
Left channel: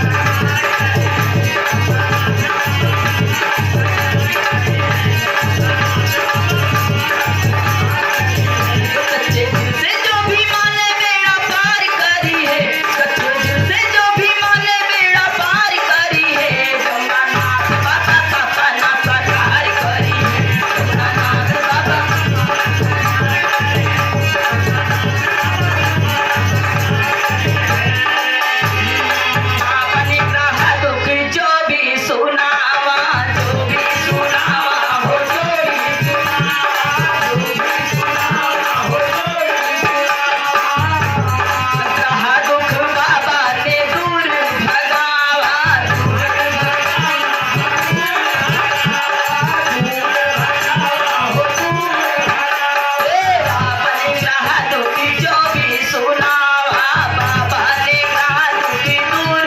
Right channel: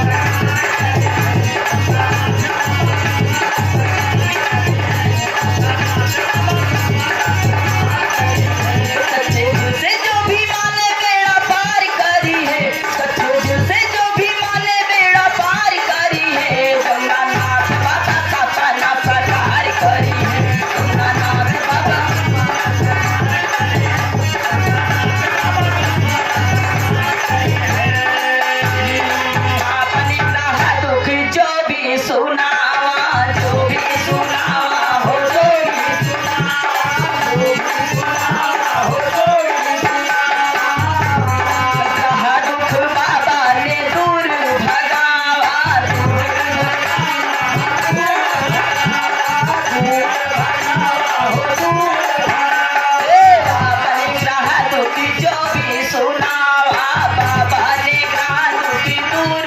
सच्चे दिल से जो भी माने बेड़ा पार करी है, सच्चे दिल से जो भी माने बेड़ा पार करी है, जमुना नाथ बाबा सपना साकार करी है, जमुना नाथ बाबा। आपने कहा दुख जो भी सुनावा, जो भी सुनावा हो, जो भी कहा दुख बाबा ने दूर भगावा, आपने कहा दुख जो भी सुनावा, बाबा ने कहा दुख दूर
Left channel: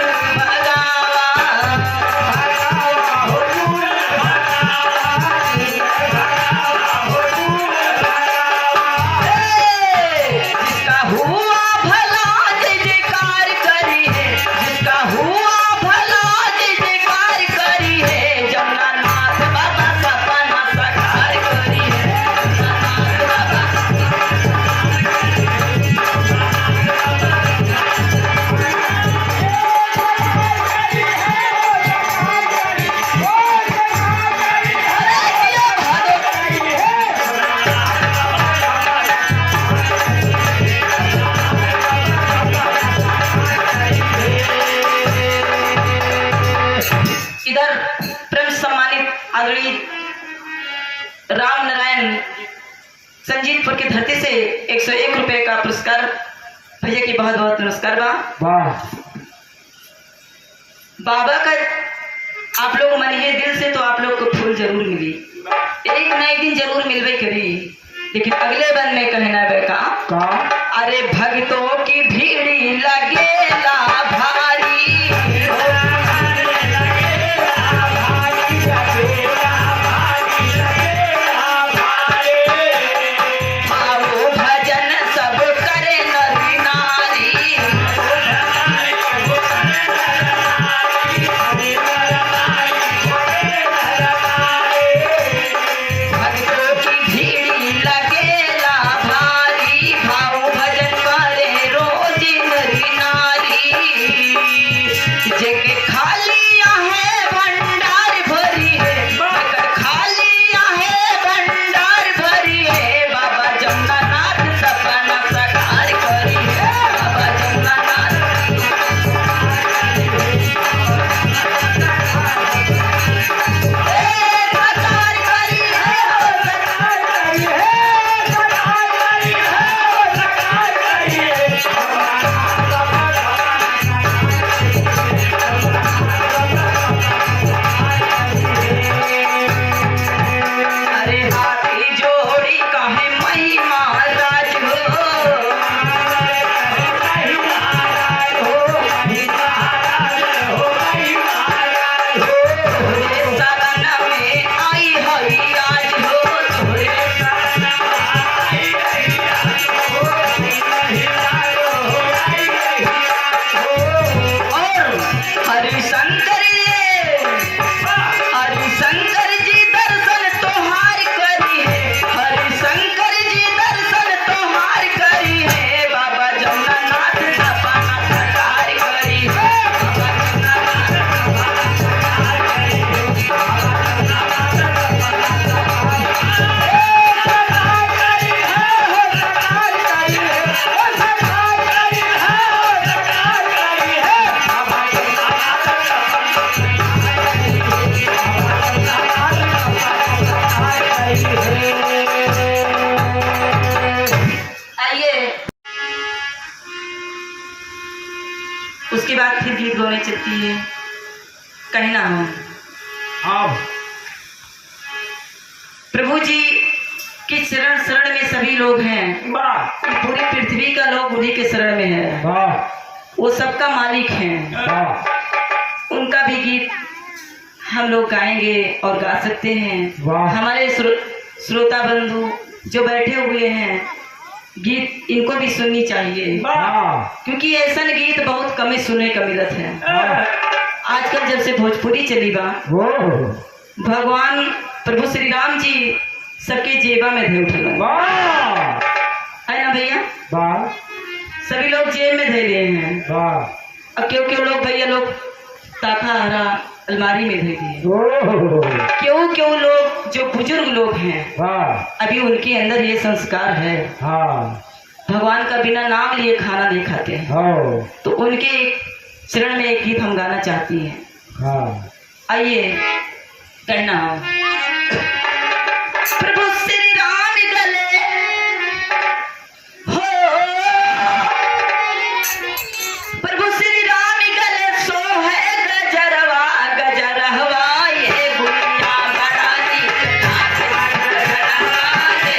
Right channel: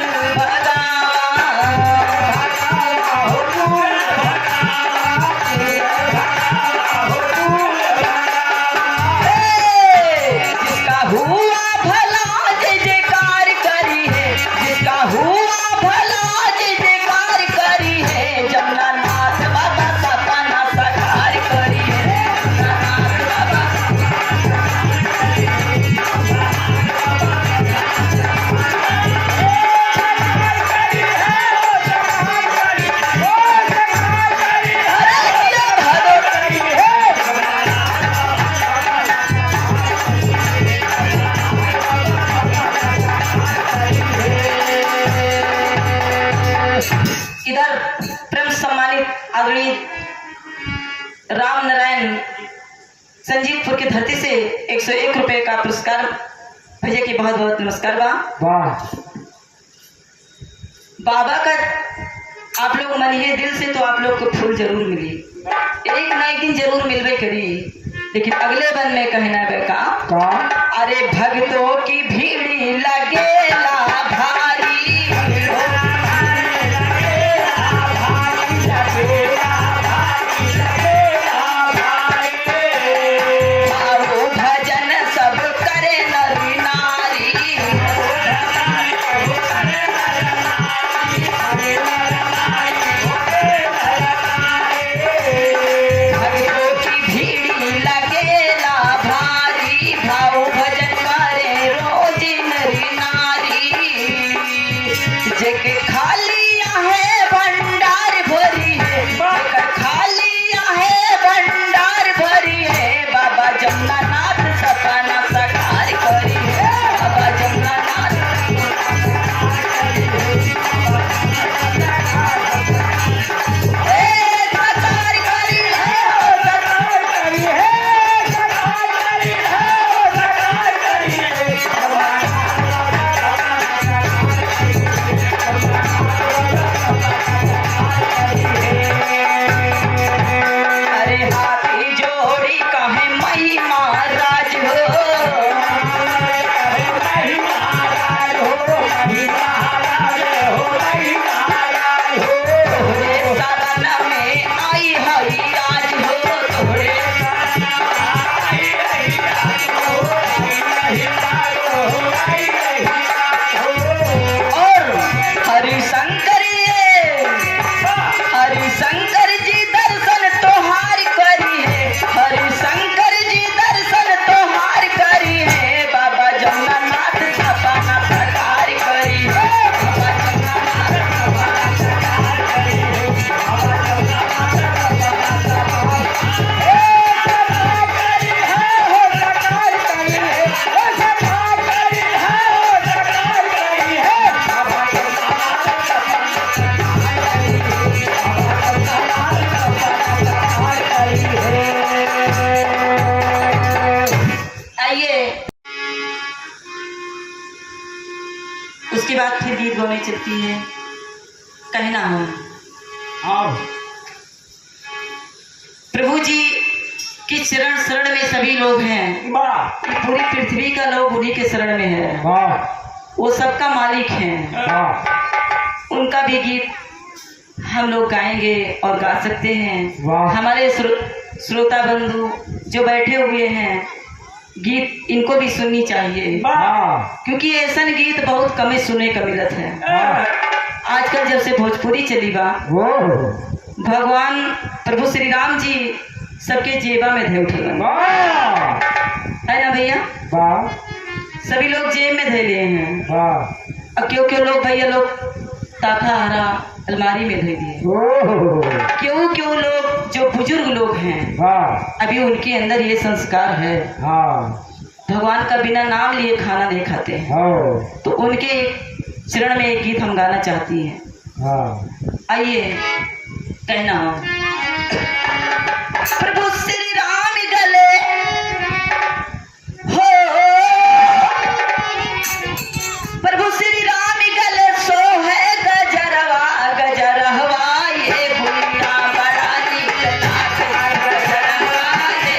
जिसका हुआ भला जय जयकार करी है, जिसका हुआ भला जय जयकार करी है, जमुना नाथ बाबा सपना साकार करी है, जमुना नाथ बाबा। इधर प्रेम सम्मानित आदरणीय राम नारायण संजीतपुर की धरती से 101 रुपए का पुरस्कार भैया की बहुत बहुत नमस्कार बा। वाह बाबा का आप लोग मनिए दिल से तो आप लोग को फूल जरूर मिली, एक ना एक दिन जरूर मिलवे करी, लेकिन अगले बन में कहना बेका का अरे भक्तों की भीड़ लगेला भारी, आओ भजन सब करे नर नारी, भक्तों की भीड़ लगेला भारी, भाव भजन करे रोज हवाएं चलती है, कहना हो अब प्रभु जी की शरण शरण में सभी लोग हैं। वाह ये पूरी पृथ्वी का लोग उन्हीं के शरण में है। वाह वो सबका मालिक हैं। वाह उनका भी गीत हम लोग गाएंगे और गा सकते हैं। वाह। हमारे श्रोता बंधु जो बैठे हुए हैं, गीत इनको भी सुननी चाहिए, वाह क्योंकि ऐसा गीत बहुत कम ही सुने का मिलत है। आजकल जब से भोजपुरी चली बा, वो भगवान प्रभु श्री राम जी सबके जेबा में धे उठल वाह है ना भैया। वाह सभी लोग जेब में धे लिए हैं। वाह और क्यों क्यों लोग भैया लोग ताका हरा अलमारी में धे दिए। ओह क्यों क्यों लोग जो बुजुर्ग लोग हैं, वाह अभी उनके अंदर ये संस्कार है, हाँ भगवान का बिना नाम लिए खाना नहीं खाते हैं। हो तो उनके चरण में एक गीत हम गाना चाहती हैं। हाँ आइए, कहना हो प्रभु श्री राम गले हो, प्रभु श्री राम गले सो है गजरवा गजरवा, ये गुड़िया बड़ा नीक लागे गजरवा दे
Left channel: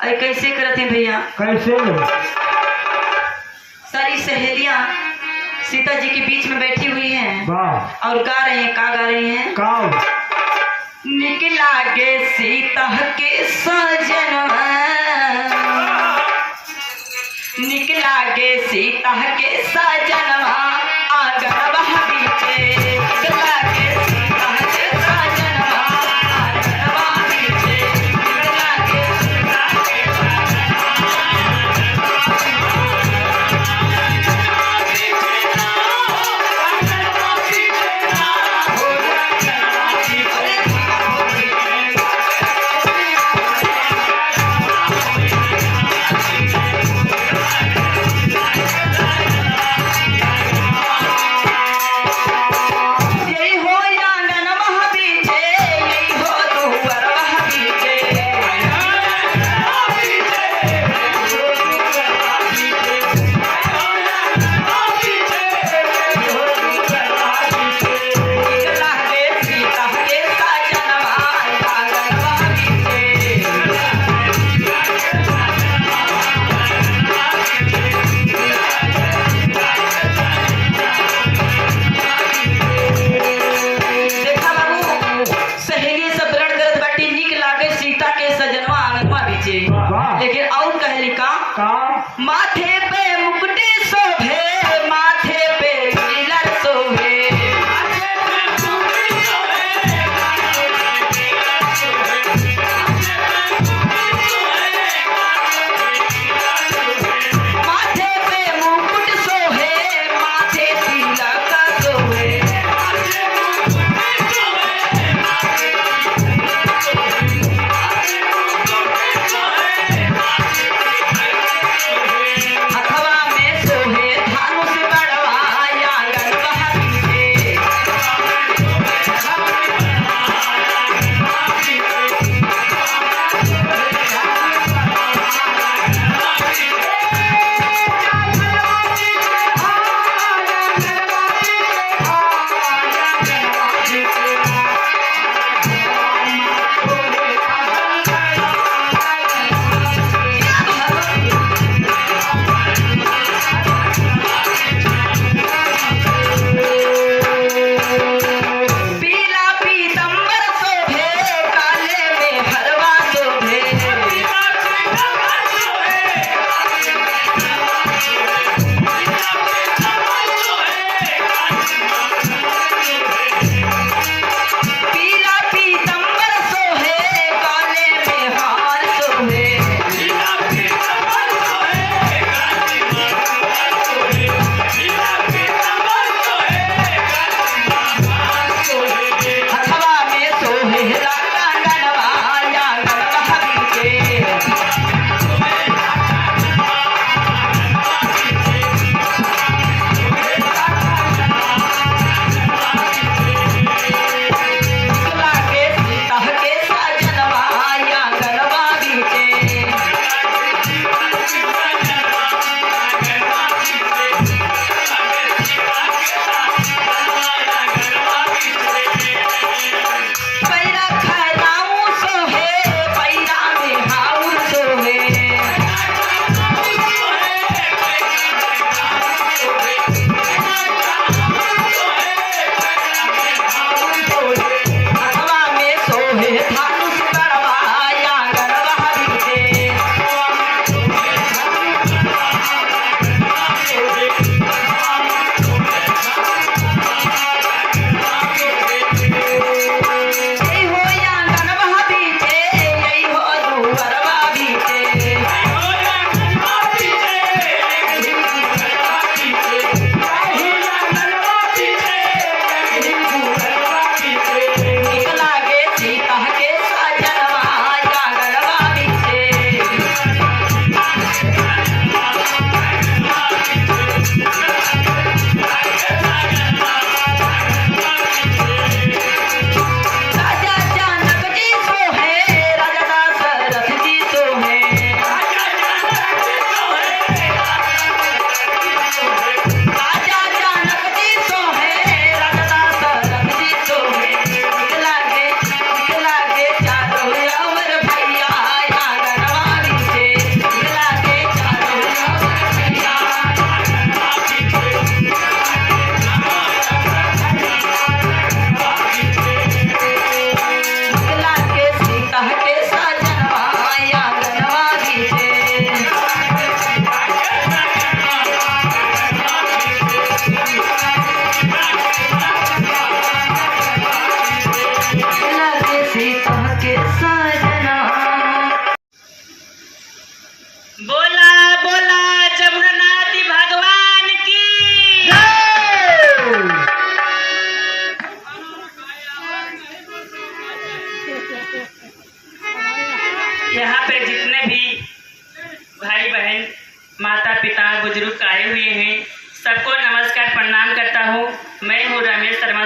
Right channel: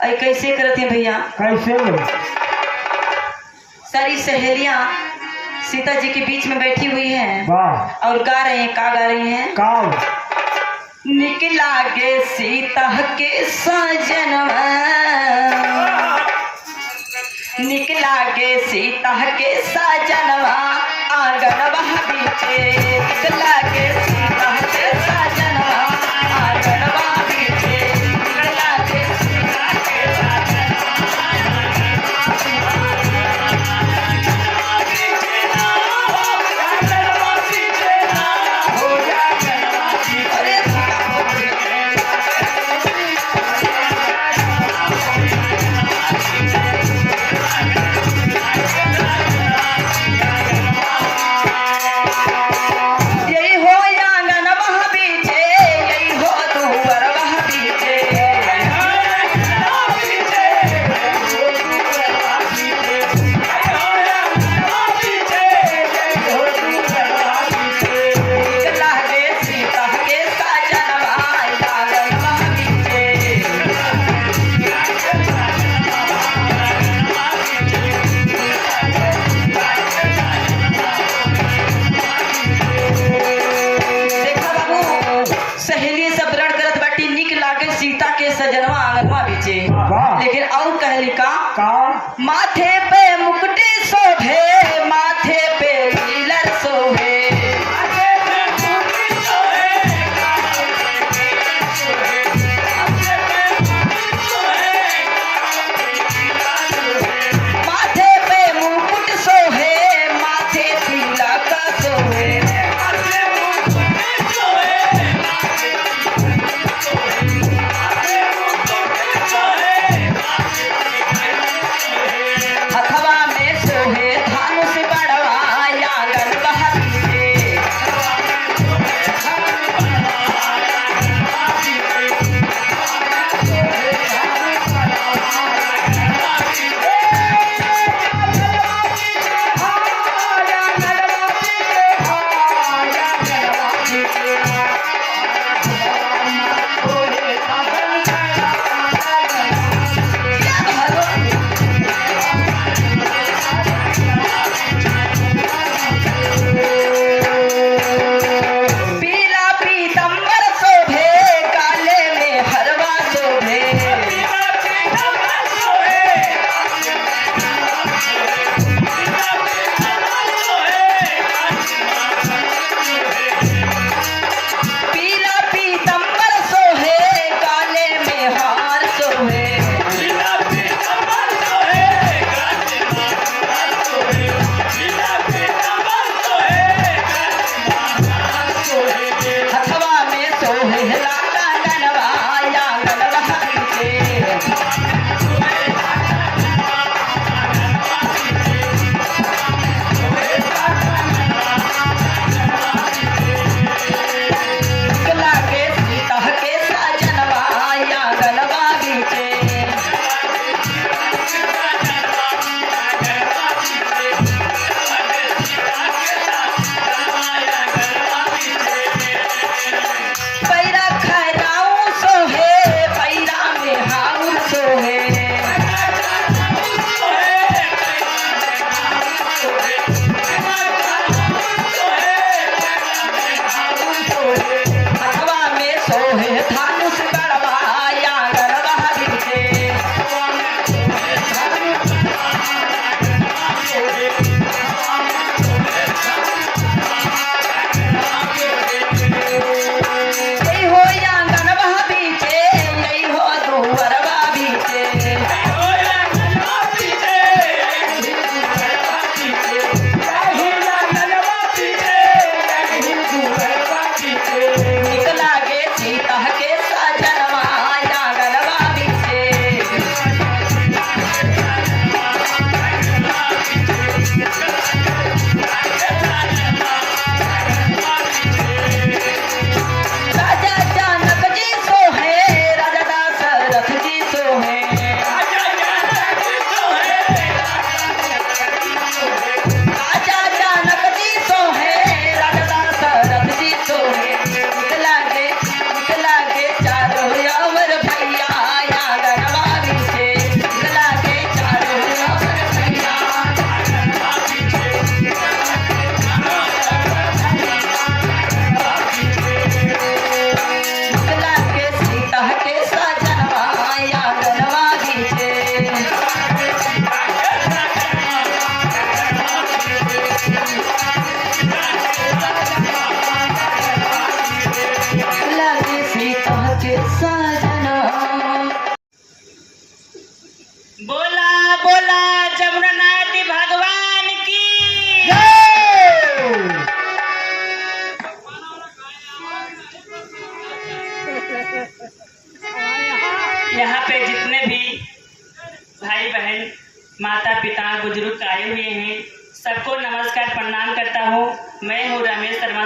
अरे कैसे करते हैं भैया? कैसे? सारी सहेलियां सीता जी के बीच में बैठी हुई हैं वाह। और गा रहे हैं। का गा रही हैं? काऊ। निकला के सीता के सजनवा, निकला के सीता के सजनवा, आंगनवा बीचे। निकला के सीता के सजनवा, आंगनवा बीचे। निकला के सीता के यही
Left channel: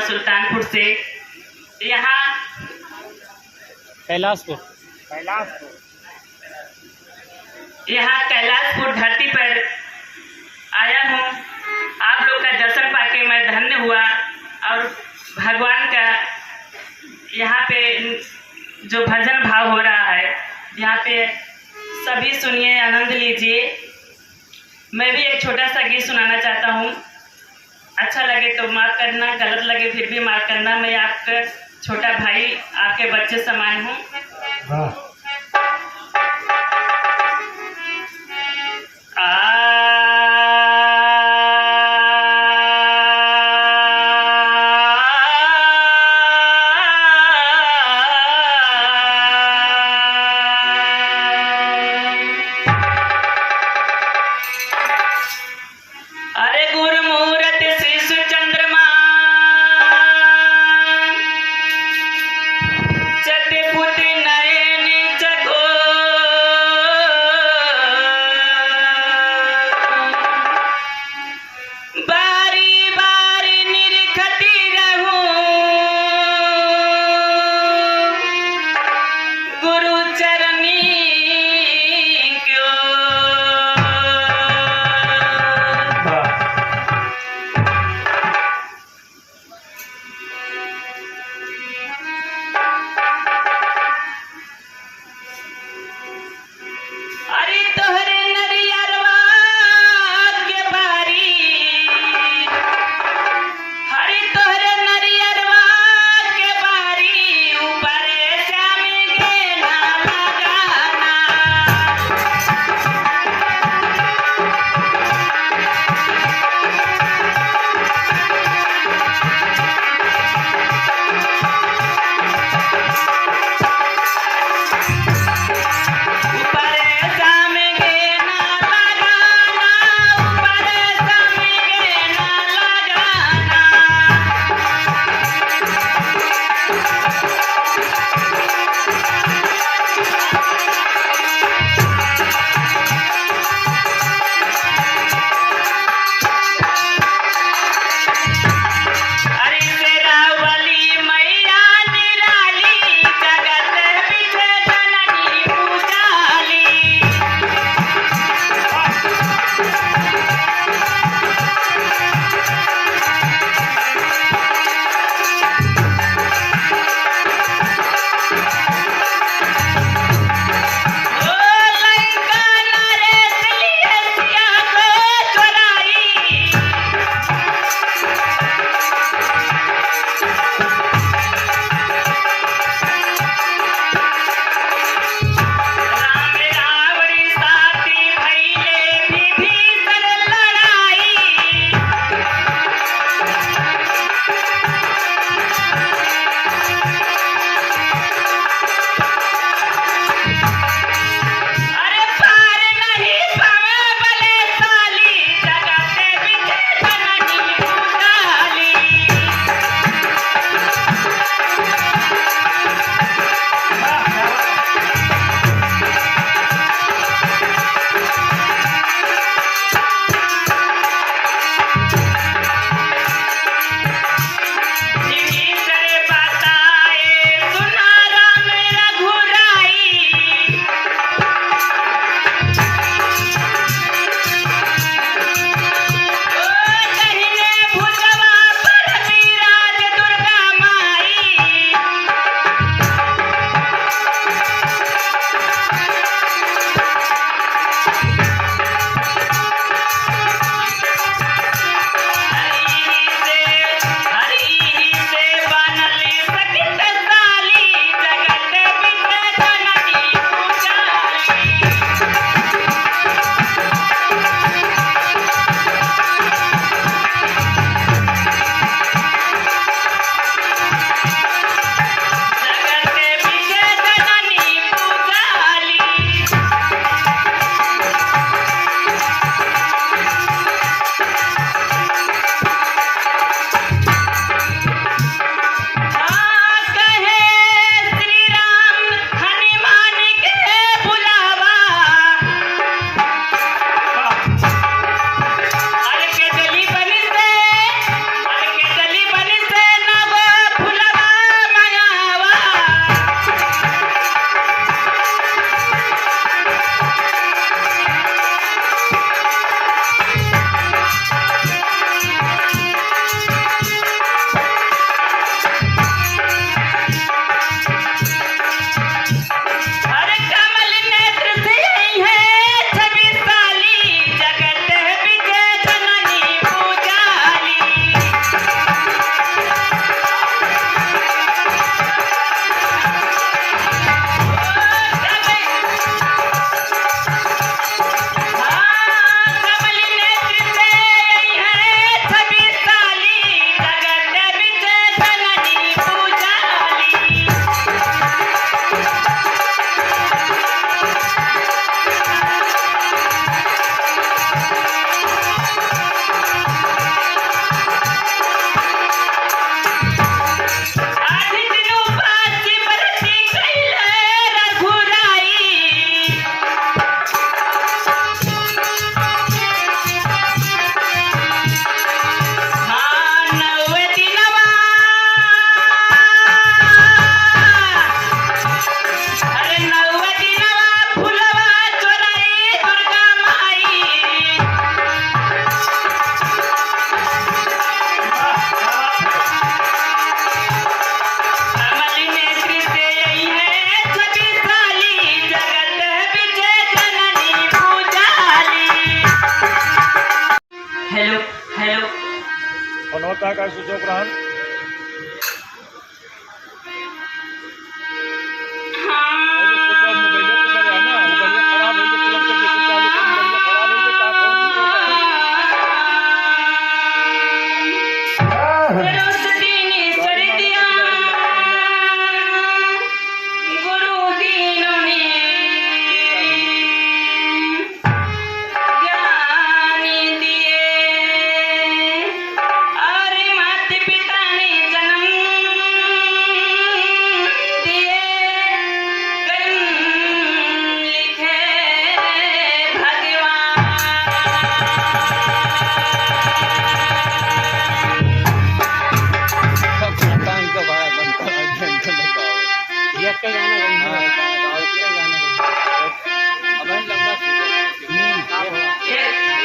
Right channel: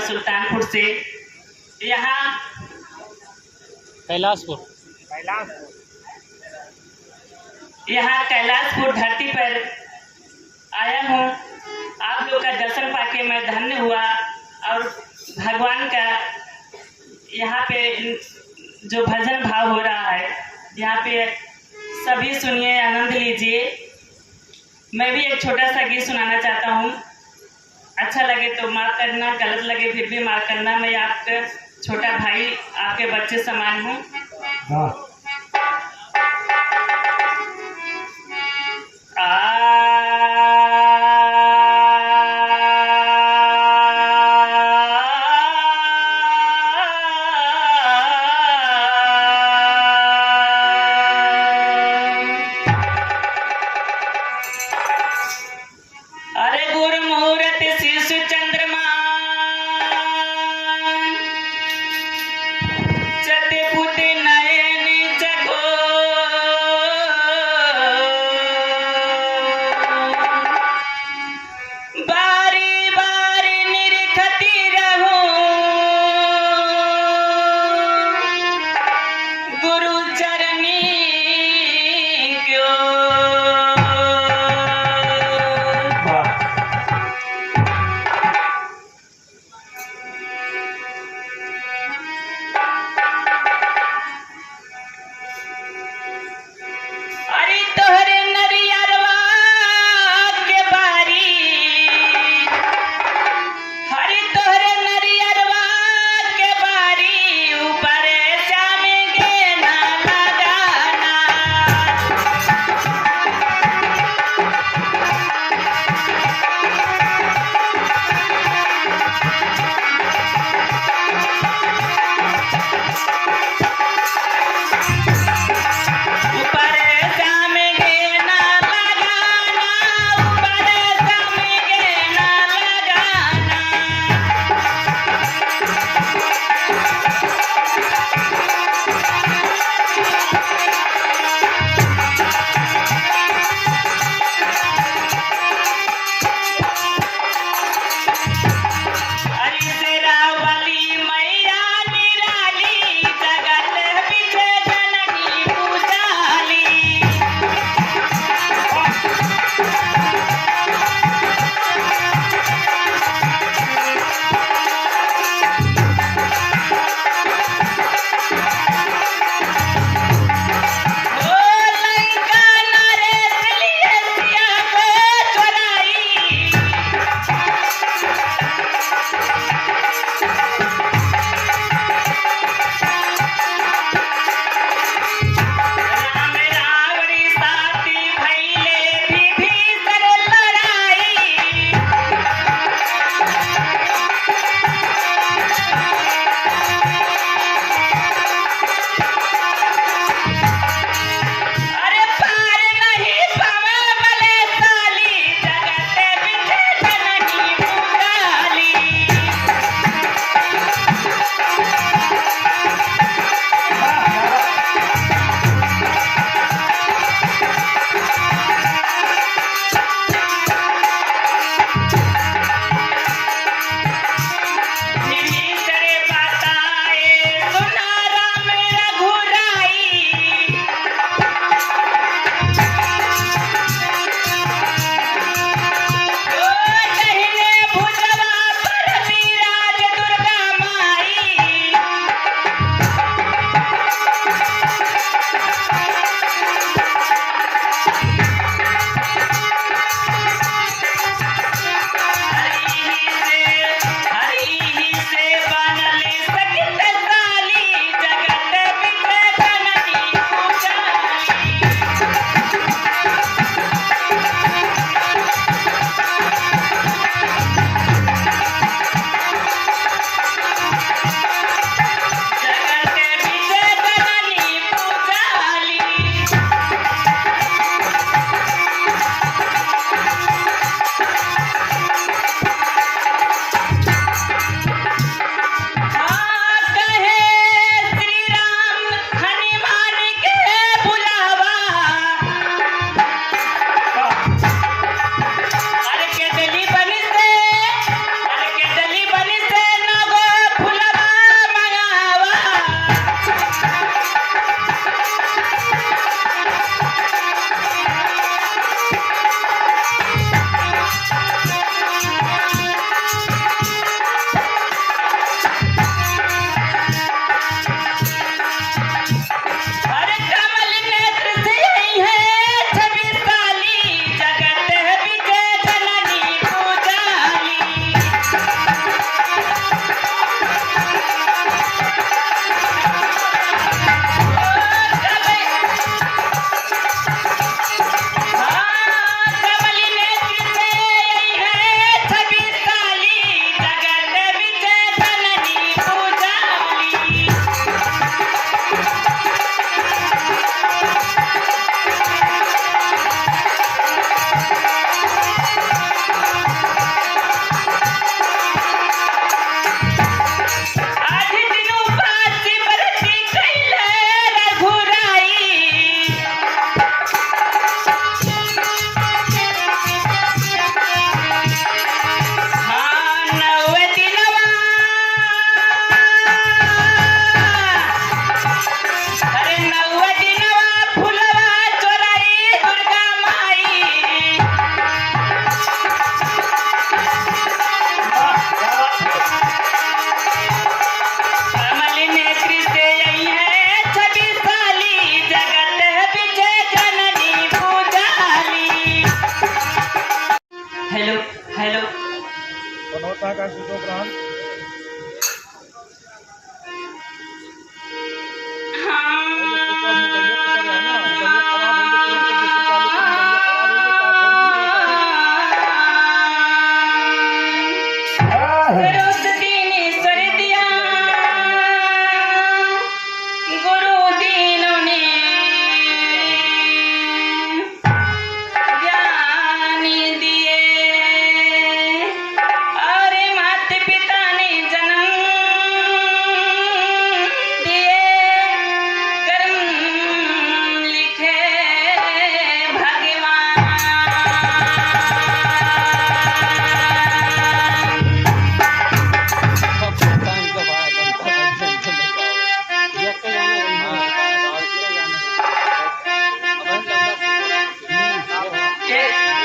सुल्तानपुर से। यहाँ कैलाशपुर कैलाशपुर धरती पर आया हूँ। आप लोग का दर्शन पाके मैं धन्य हुआ और भगवान का यहाँ पे जो भजन भाव हो रहा है, यहाँ पे सभी सुनिए, आनंद लीजिए। मैं भी एक छोटा सा गीत सुनाना चाहता हूँ। अच्छा लगे तो माफ़ करना, गलत लगे फिर भी माफ़ करना। मैं आपका छोटा भाई, आपके बच्चे समान हूँ। अरे गुरुमूर्त शिशु चंद्रमा चतुर्भुज नयन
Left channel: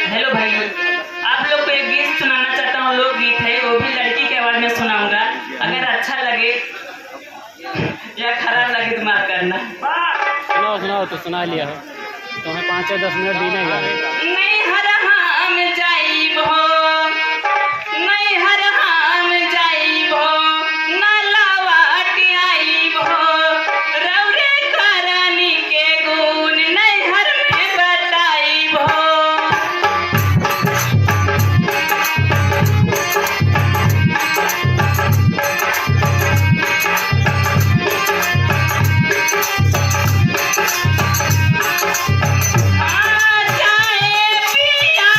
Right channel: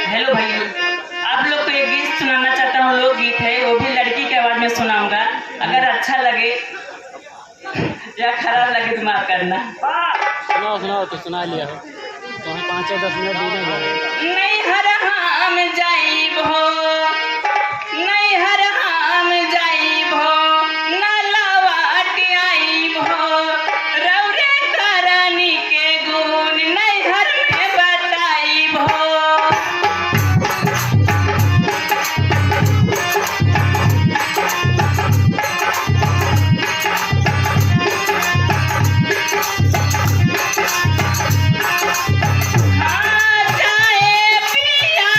हेलो भाई, आप लोग को एक गीत सुनाना चाहता हूँ, लोकगीत है, वो भी लड़की के आवाज में सुनाऊंगा। अगर अच्छा लगे या खराब लगे तो माफ करना। सुनाओ सुनाओ, तो सुना लिया हो, तुम्हें 5-10 मिनट भी नहीं लगे। नहीं हर हम जाइब हो, नहीं हर हम जाइब हो, ना लौट आइब हो, रौरे करनी के गुण नहीं हर में बताइब हो। चाहे पिया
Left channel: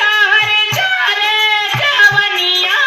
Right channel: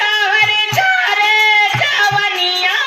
तोहर झरे जवनिया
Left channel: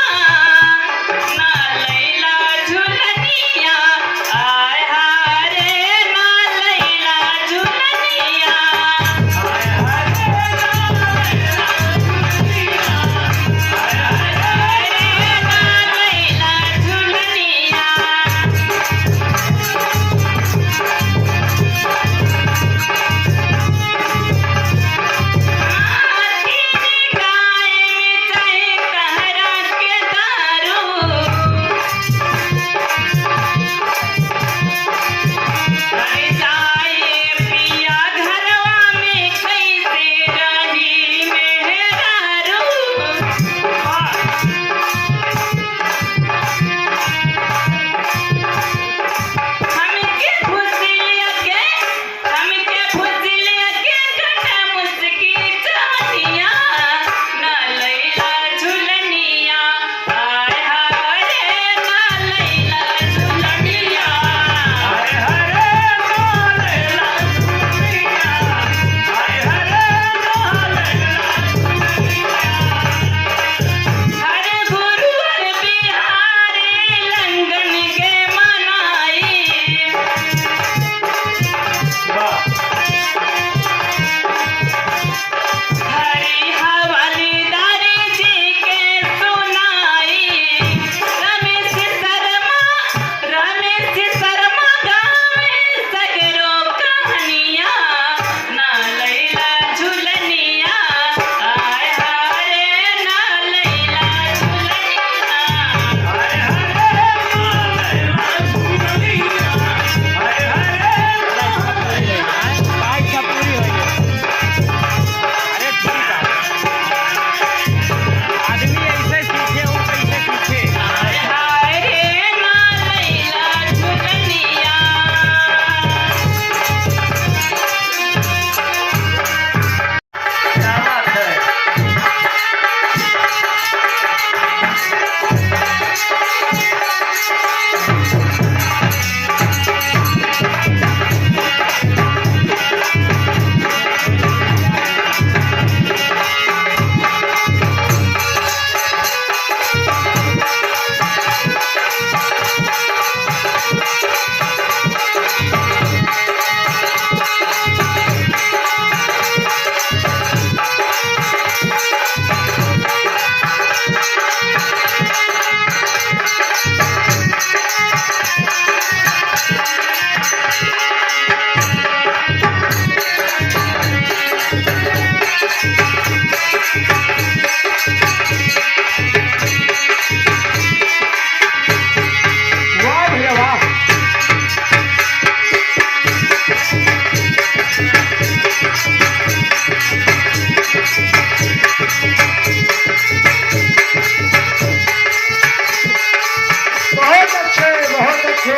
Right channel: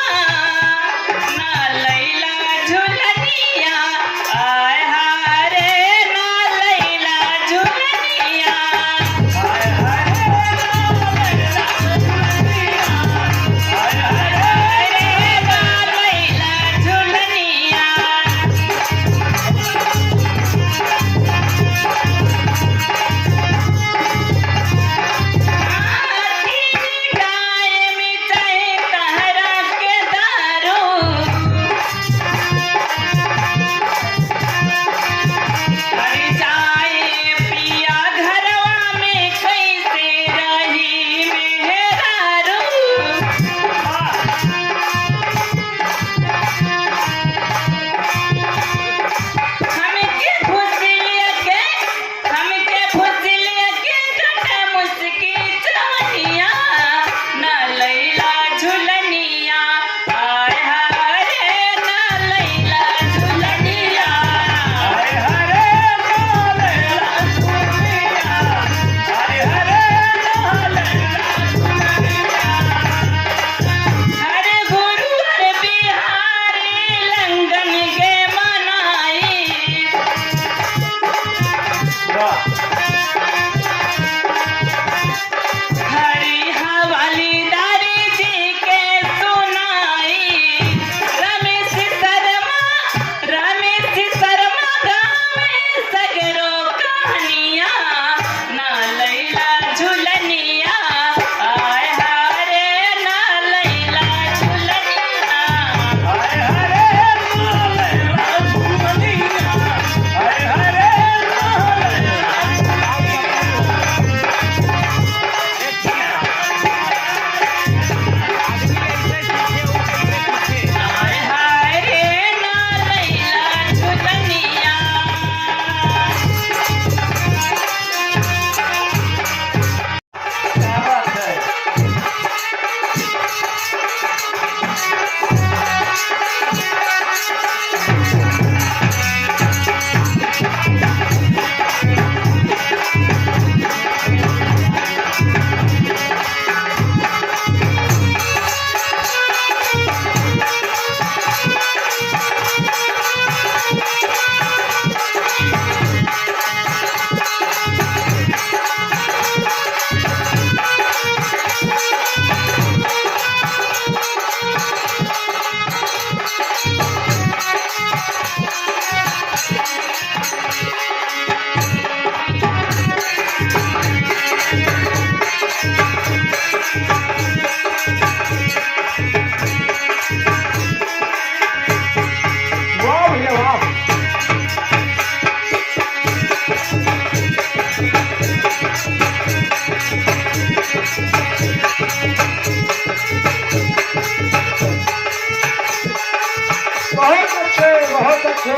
हरे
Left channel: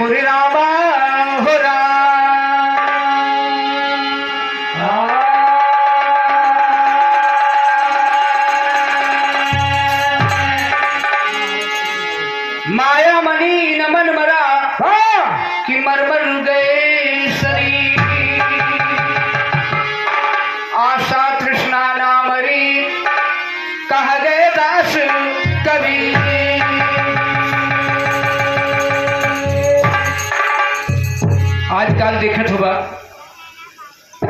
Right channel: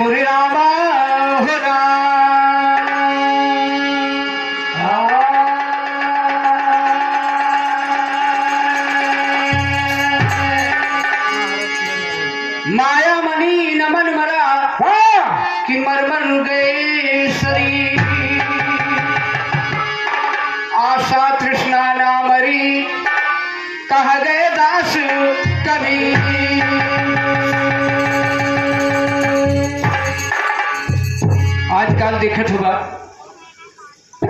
मुरे रामा हो माया मणि नमन मरा कि मरमर गए शरीर आशा तृष्णा ना मरी कह गए दास कबीर। आजकल देखत होगा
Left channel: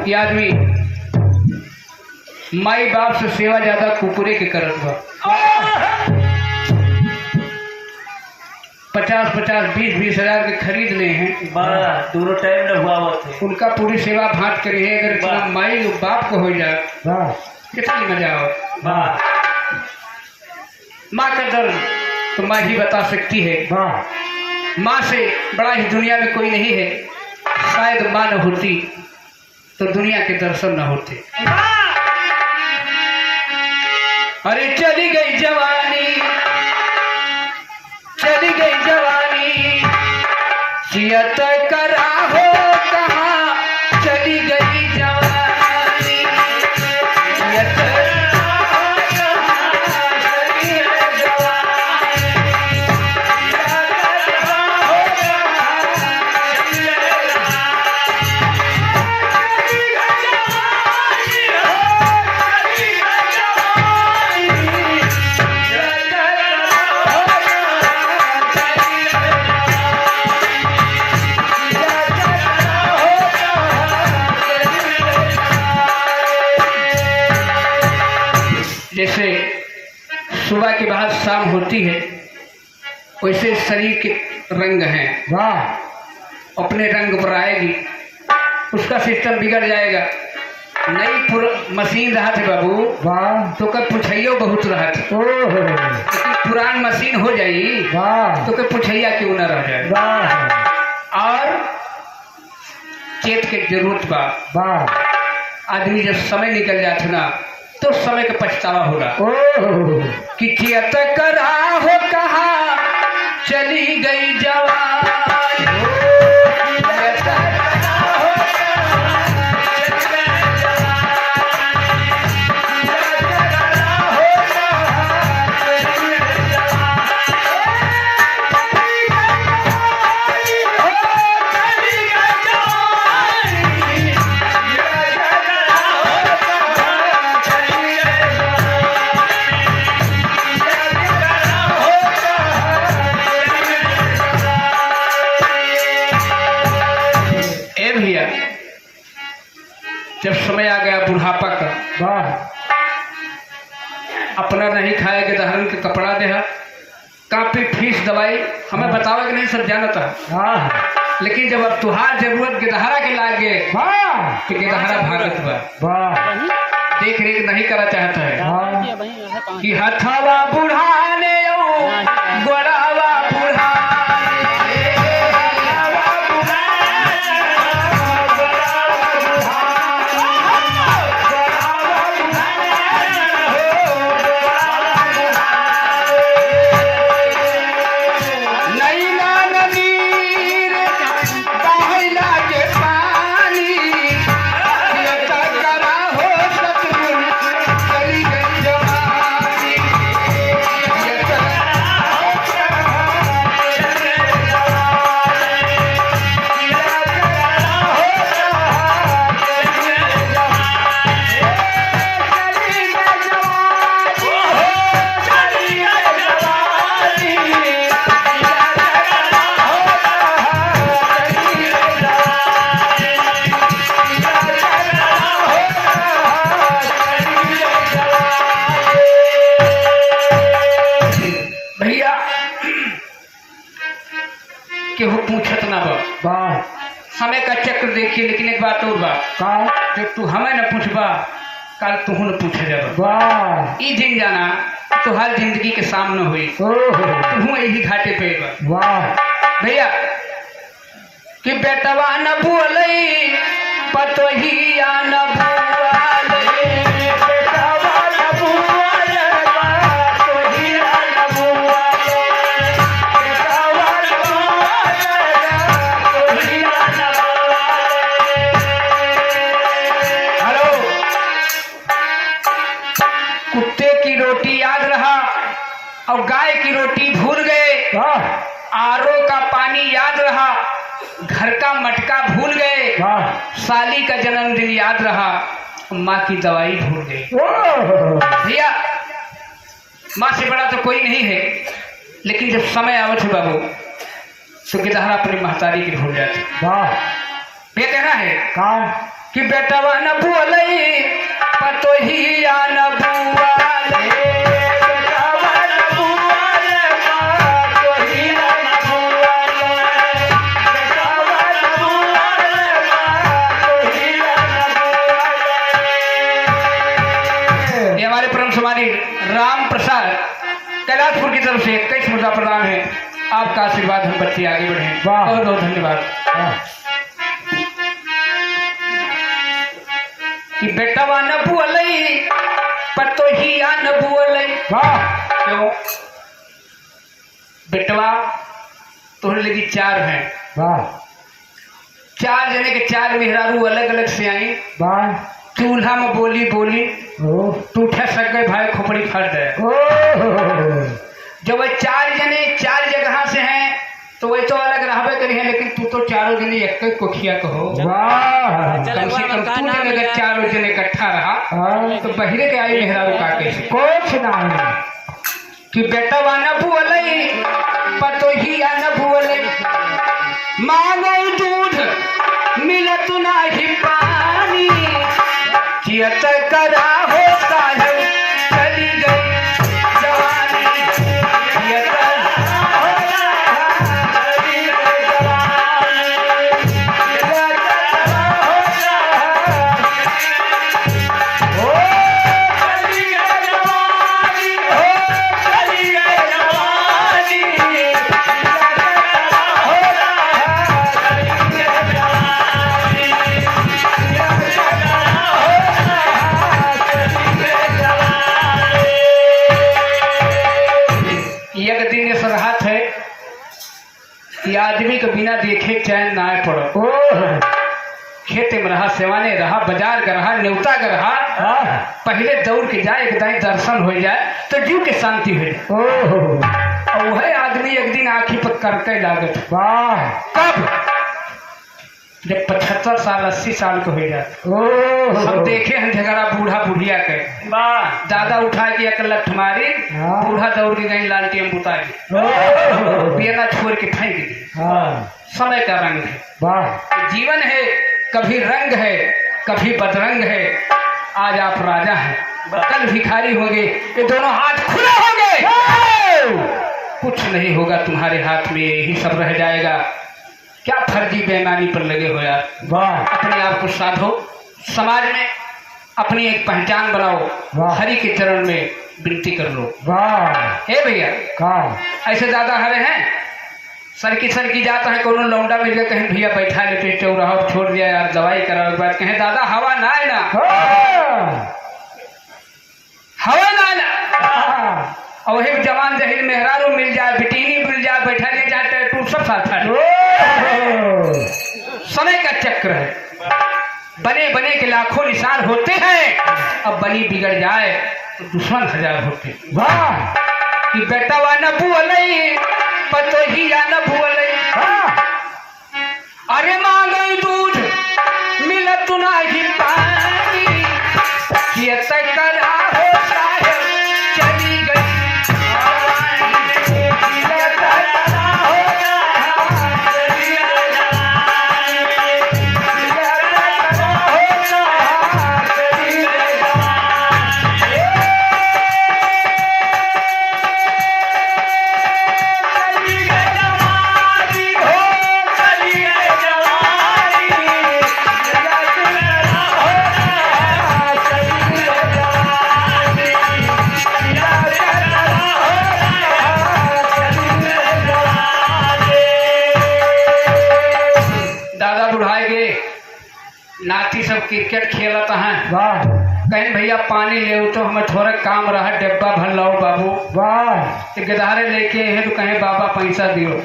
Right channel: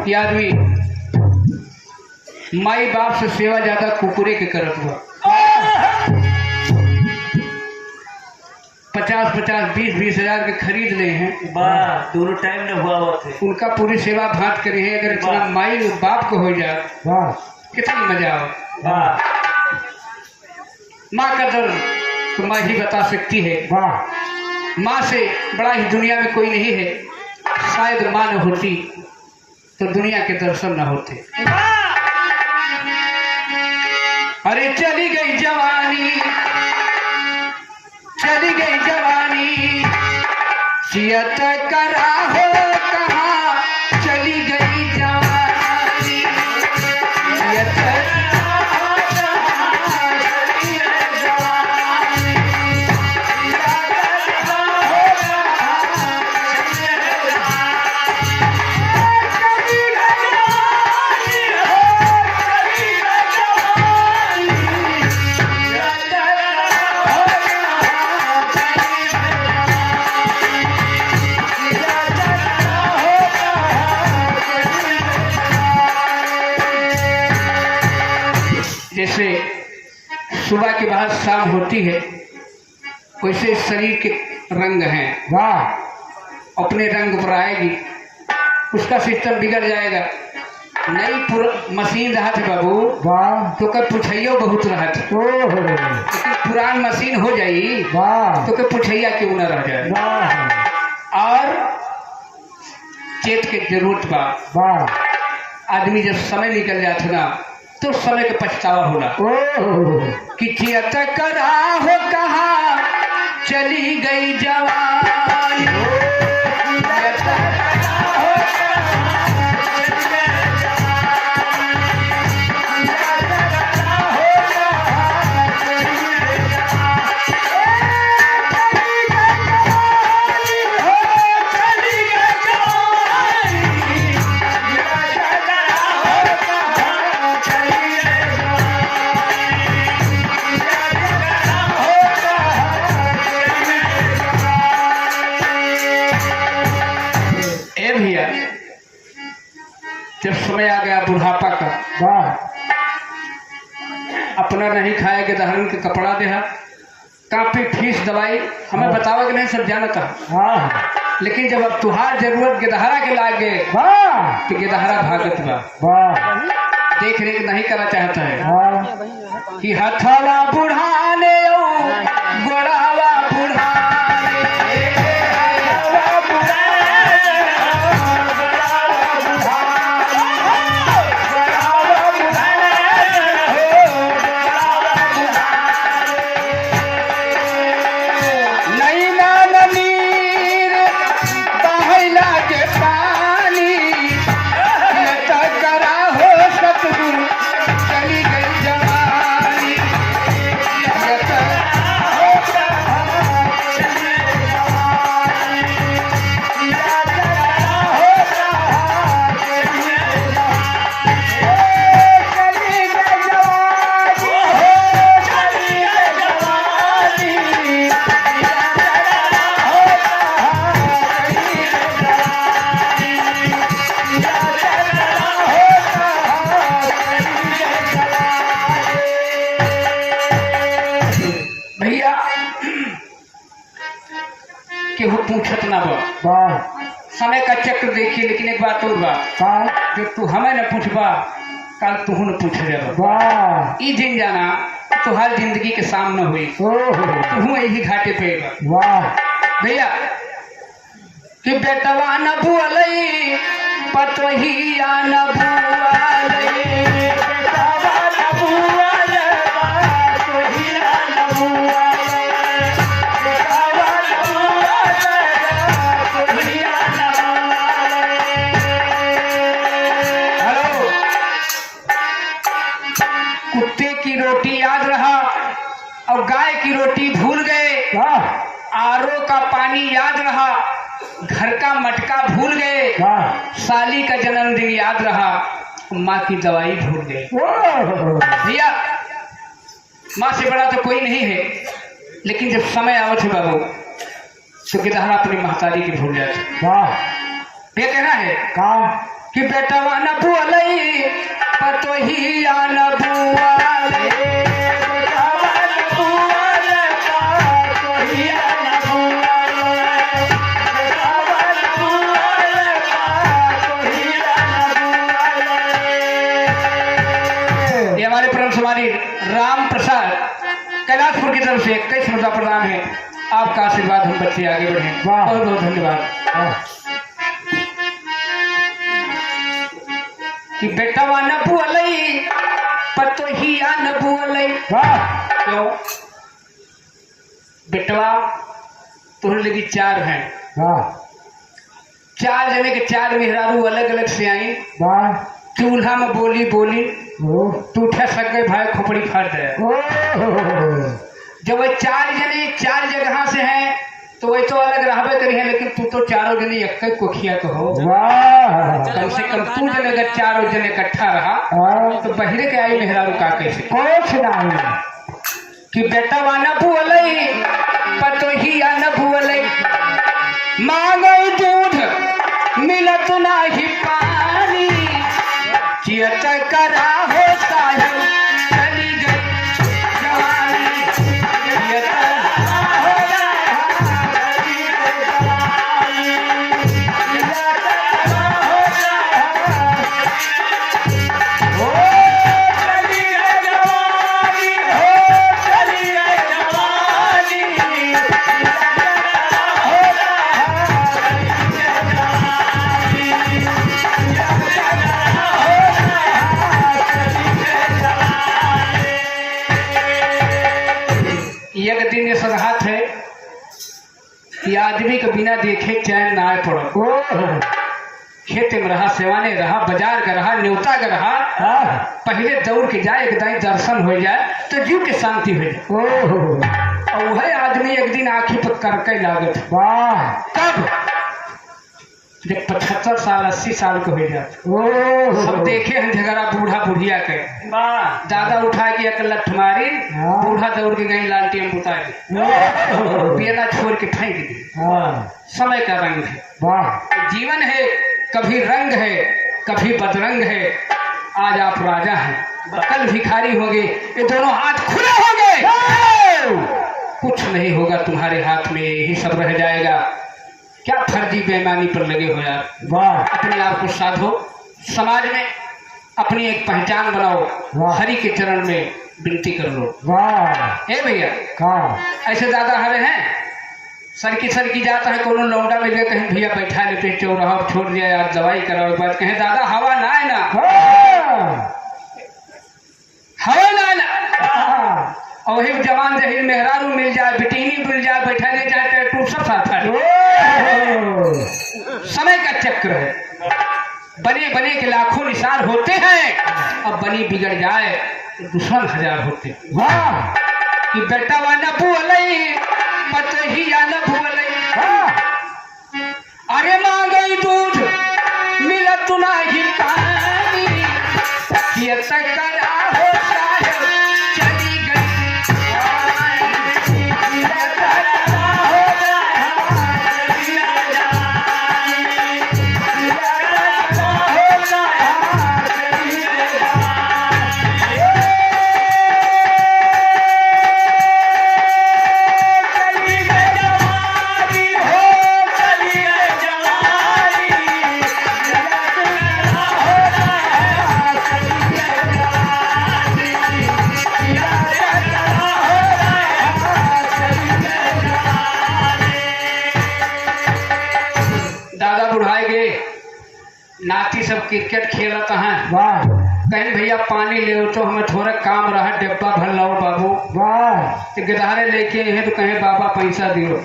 कि आदमी माई बाप से सेवा ज्यादा कुकुरे के करत बा। 50 50-50, 20-20 हजार के खरीद ले हैं। वाह दोनों टाइम न हुआ हुआ थे। उनका पूरी सेवा भांत करी है। अगर इतना वाह। माई और बाप को हो जाए वाह कितनी मजा हो। वाह माँ का दर्द तो माँ ही बता सकती है। वाह माँ से बड़ा ही दुनिया में कोई नहीं है। शायद माँ न होती तो दुनिया के दर्शन न होते। अरे चली गई जवानी, चली गई जवानी, जियत करा हो कहाँ चली गई जवानी, जियत जैसे सुबह के बाद शाम होती है वैसे शरीर के रंग हैं। वाह अपने रंग पर आएगी उसका सिस्टम बिगड़ जाएगा। नई मशीन रहा थे बाबू वाह तो कब पूछैया बहुत रहा था। ओहो लेकिन पुरान मशीन हो जाई वाह तो कब पूछैया क्यों न रह जाए। वाह और चेत के जरूरत बा। वाह आदमी जब समय निकल जाता ना तो समय का पछतावा होगा ओहो कि चेत करा हो कहाँ चली गई जवानी। जब समय आ गया बुढ़ापा का, वाह अपना नहीं खाएगा दहरन के कपड़ा देहा, काफी फीस दवाई हमें बतावा कि नहीं सब जानता। वाह लेकिन जब अब तुहार जरूरत गेदहरा के लागे वाह तो गेदहरा भागत बा, वाह देख रेख नहीं करा चाहता है वाह कि हथवा बुढ़ाने गोड़ावा केहू पूछत ना बा। वाह समय का चक्र देखिए। लेकिन एक बात और बा, वाह जो तू हमें न पूछबा कल तू न पूछे जाबा। वाह ई दिन जाना तो हर जिंदगी के सामने हुई ओहो तू यही घाटे पे बा। वाह भैया कि बेटवा न बुअलई पतोहिया न बुअलई, बेटवा न बुअलई पतोहिया न बुअलई, बेटवा न बुअलई पतोहिया न बुअलई। हेलो, कुत्ते की रोटी याद रहा और गाय की रोटी भूल गए, वाह आरओ का पानी याद रहा, घर का मटका भूल गए, वाह साली का जन्मदिन याद रहा, माँ की दवाई भूल गए। ओहो भैया माँ से बड़ा तो कोई नहीं है, लेकिन जब समय आवत है बाबू तो गिदहरा अपनी महतारी की भूल जाते। वाह ये कहना है कहा कि बेटवा न बुअलई पतोहिया न बुअलई, बेटवा न बुअलई पतोहिया न बुअलई। कैलाशपुर की तरफ से 21 मुद्रा प्रदान है। आपका आशीर्वाद हम बच्चे आगे बढ़े। वाह। बहुत बहुत धन्यवाद। कि बेटवा न बुअलई पतोहिया न बुअलई। क्यों बेटवा तोहरे लगी 4 हैं। 4 जने के 4 मेहरारू अलग अलग से आई। चूल्हा में बोली बोली टूठे सक गए भाई खोपड़ी फाट गए। जो वह 4 जने 4 जगह से हैं तो वही तो अलग रहबे करी है, लेकिन तू तो चारों जने एक कोखिया कहो। कम से कम तू जने अगर 4 जने इकट्ठा रहा तो बहिरे के आई मेहरारू का कैसे कि बेटा वाना बुअलई पतोहिया न बुअलई मांगई दूध मिलत नाही पानी चियत करा हो साहब चली गई जवानी चियत एक दिन ये सरहद है कि आदमी के बिना देखे चैन ना आए पड़ो। खेत में रहा, सेवाने रहा, बाजार का रहा, न्योता का रहा, पहले दौड़ के जाए एक दाई दर्शन हो जाए तो जीव के शांति हो जाए। और वही आदमी एक दिन आँखी पर करके लागत। कब? जब 75 साल 80 साल को हो जाए। सब देखे हैं झगड़ा बूढ़ा बुढ़िया के। दादा उठा के एक लठ मारी, बूढ़ा दौड़ के गई लालटेन बुता के बेना छोड़ के फेंक दी। समय का रंग है, जीवन है, कभी रंग है कभी बदरंग है। आज आप राजा हैं, कल भिखारी होंगे, ये दोनों हाथ खुले होंगे। कुछ नहीं होगा तुम्हारे हाथ में, यही सब रह जाएगा। क्या फर्जी बेईमानी पर लगे हो यार। अपने आप को साधो, समाज में अपनी एक पहचान बनाओ, हरि के चरण में विनती कर लो। हे भैया ऐसे दादा हरे हैं सरकी जाता है, कोनो लौंडा मिल गया कहीं भैया बैठा लेते चौराहा छोड़ दिया यार दवाई करा बात कहें दादा हवा ना है ना, हवा ना है ना। और वही जवान जहीर मेहरारू मिल जाए, बिटीनी मिल जाए, बैठा ले जाए टू सब साथ समय का चक्र है। बने बने के लाखों निशान होते हैं, अब बनी बिगड़ जाए तो दुश्मन 1000 होते। कि बेटा वा न बुअलई पतोहिया न बुअलई अरे मांगई दूध मिलत नाही पानी कियत करा हो साहब चली गई नाती सब क्रिकेट खेलता है। कहीं भैया पानी ले तो हमें थोड़ा काम रहा, डब्बा भर लाओ बाबू। तो गदारे लेके हैं तो कहें बाबा पैसा दियो,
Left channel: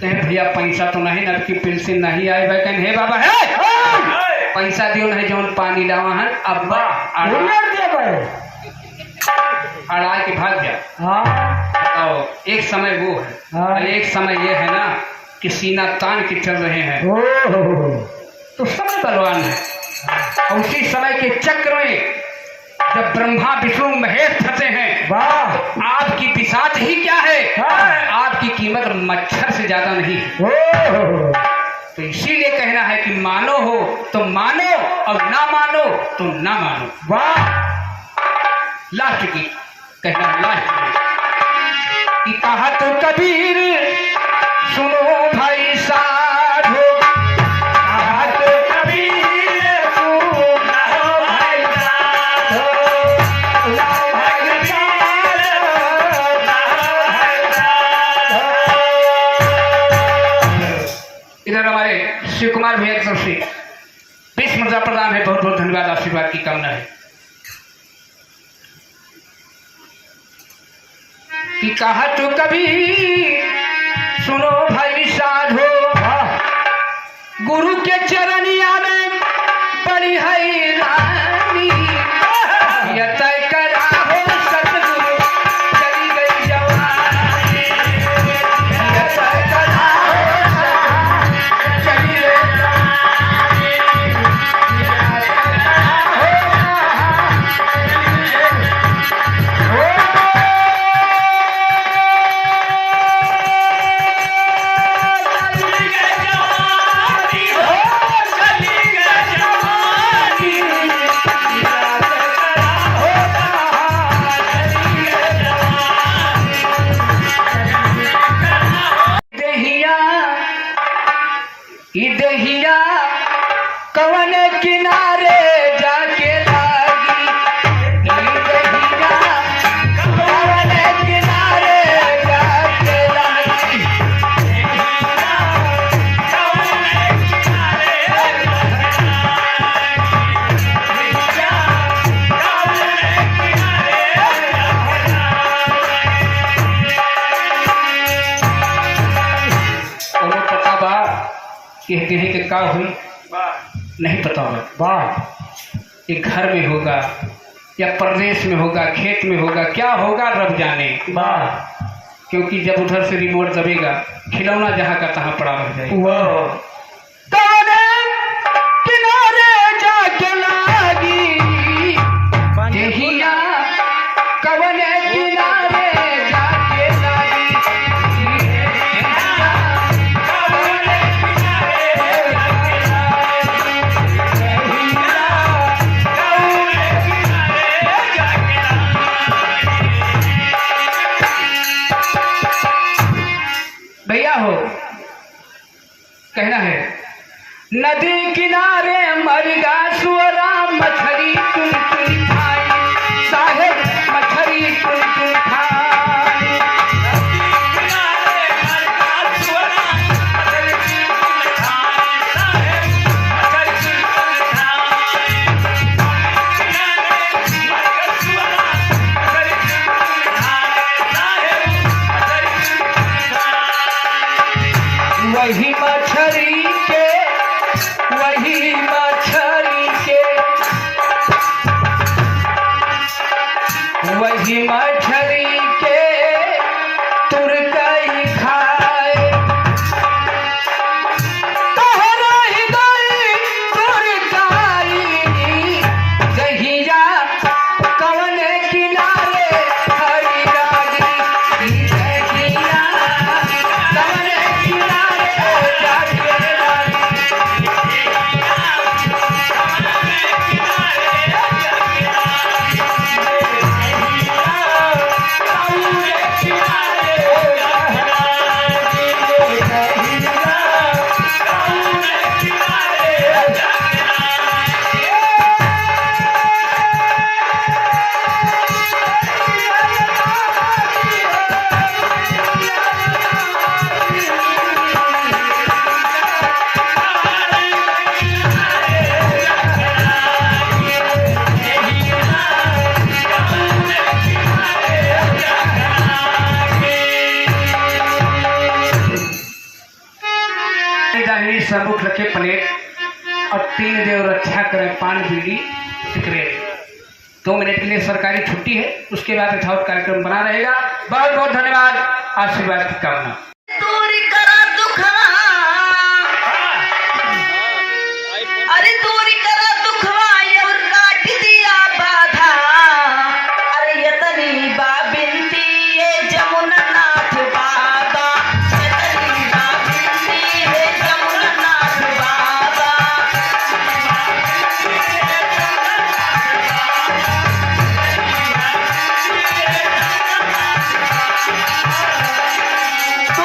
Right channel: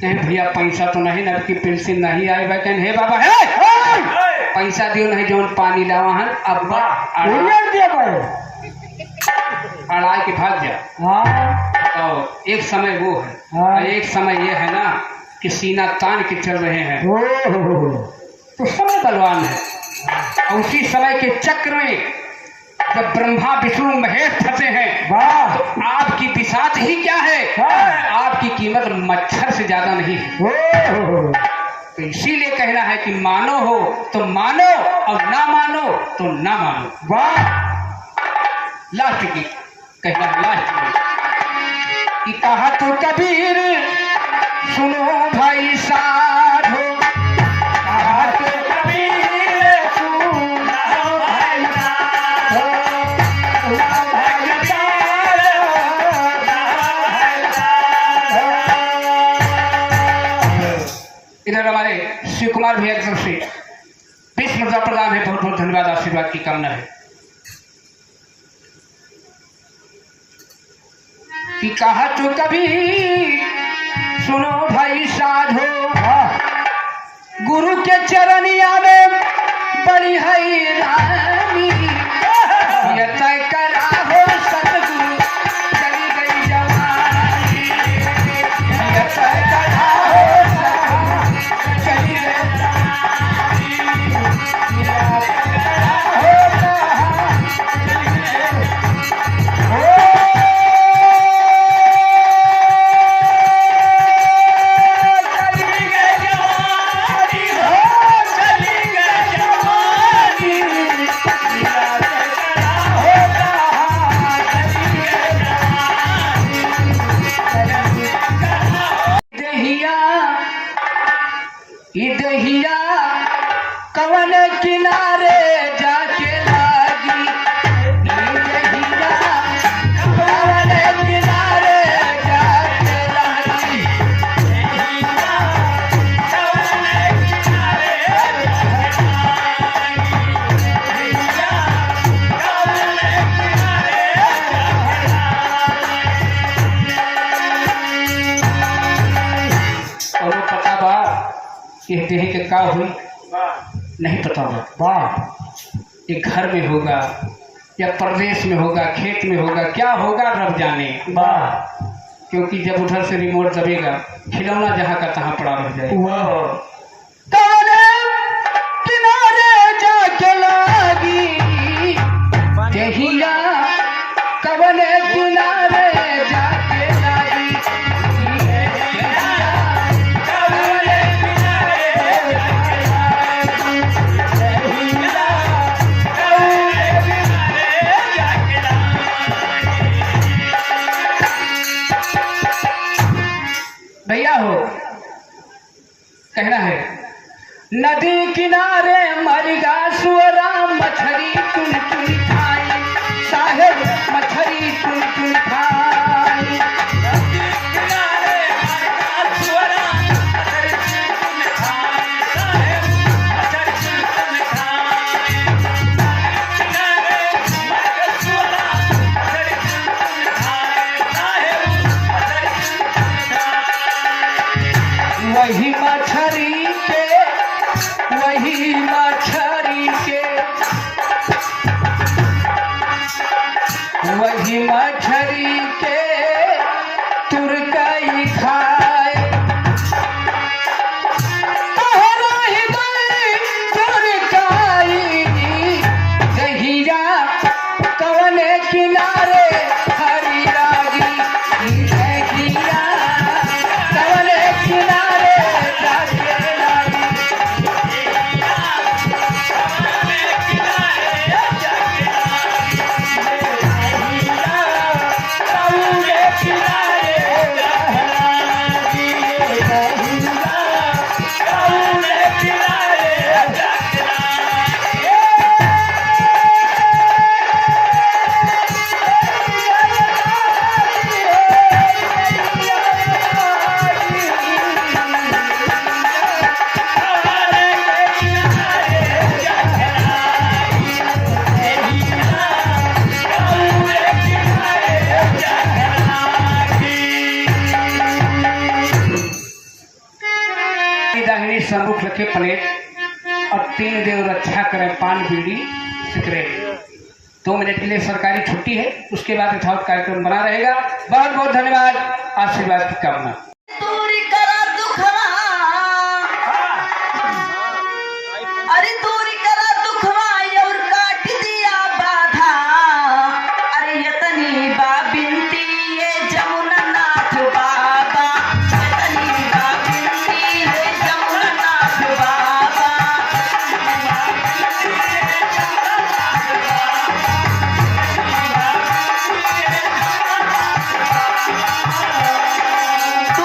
कहें भैया पैसा तो नहीं ना की पेंशन नहीं आई भाई, कहें हे बाबा है पैसा दियो नहीं जो पानी लावा है अब्बा अड़ा के भाग जा। तो एक समय वो है, एक समय ये है ना कि सीना तान के चल रहे हैं तो समय बलवान है। और उसी समय के चक्र में जब ब्रह्मा विष्णु महेश फंसे हैं, आपकी बिसात ही क्या है, आपकी कीमत मच्छर से ज्यादा नहीं है। तो इसीलिए कहना है कि मानो हो तो मानो और ना मानो तो ना मानो। लास्ट की कहना लास्ट की कहा तो कबीर सुनो भाई साधो, कहा तो कबीर सुनो भाई साधो, मुद्रा प्रणाम है, बहुत बहुत धन्यवाद, आशीर्वाद की कामना है। कि कहा तो कभी सुनो भाई साधो, गुरु के चरनिया में बड़ी है रानी, ये तय करा हो सतगुरु चली गई जवानी, ये तय करा हो सतगुरु चली गई जवानी, ये तय दहिया कवन किनारे जाके लागी, दहिया कवन किनारे जाके लागी, और पता बा कि देही के का हुई नहीं पता बा, ये घर में होगा या प्रदेश में होगा, खेत में होगा, क्या होगा रब जाने बा, क्योंकि जब उधर से रिमोट दबेगा खिलौना जहाँ का तहाँ पड़ा रह जाएगा। किनारे जाके लागी दहिया कवन किनारे जाके लागी, भैया हो कहना है नदी किनारे मरगा सुअरा मछली चुन चुन खाई, साहेब मछली चुन चुन खाई, नदी किनारे मरगा सुअरा मछली चुन चुन खाई, साहेब मछली चुन चुन खाई, किनारे मरगा सुअरा मछली चुन चुन खाई, साहेब मछली चुन चुन खाई। वही मछली के वही मछली के तुरकई खाए, तोहरा हृदय तुरकई, दहिया कवन किनारे हरी रागी, दहिया कवन किनारे जाके लागी, दाहिनी सम्मुख रखे प्लेट और 3 देव रक्षा करें पान बीड़ी सिगरेट। 2 मिनट के लिए सरकारी छुट्टी है, उसके बाद यथावत कार्यक्रम बना रहेगा। बहुत बहुत धन्यवाद, आशीर्वाद की कामना। दूरी करा दुखवा, अरे दूरी करा दुखवा और काट दिया बाधा, अरे यतनी बा बिनती ये जमुना नाथ बाबा, यतनी बा बिनती ये जमुना नाथ बाबा, तू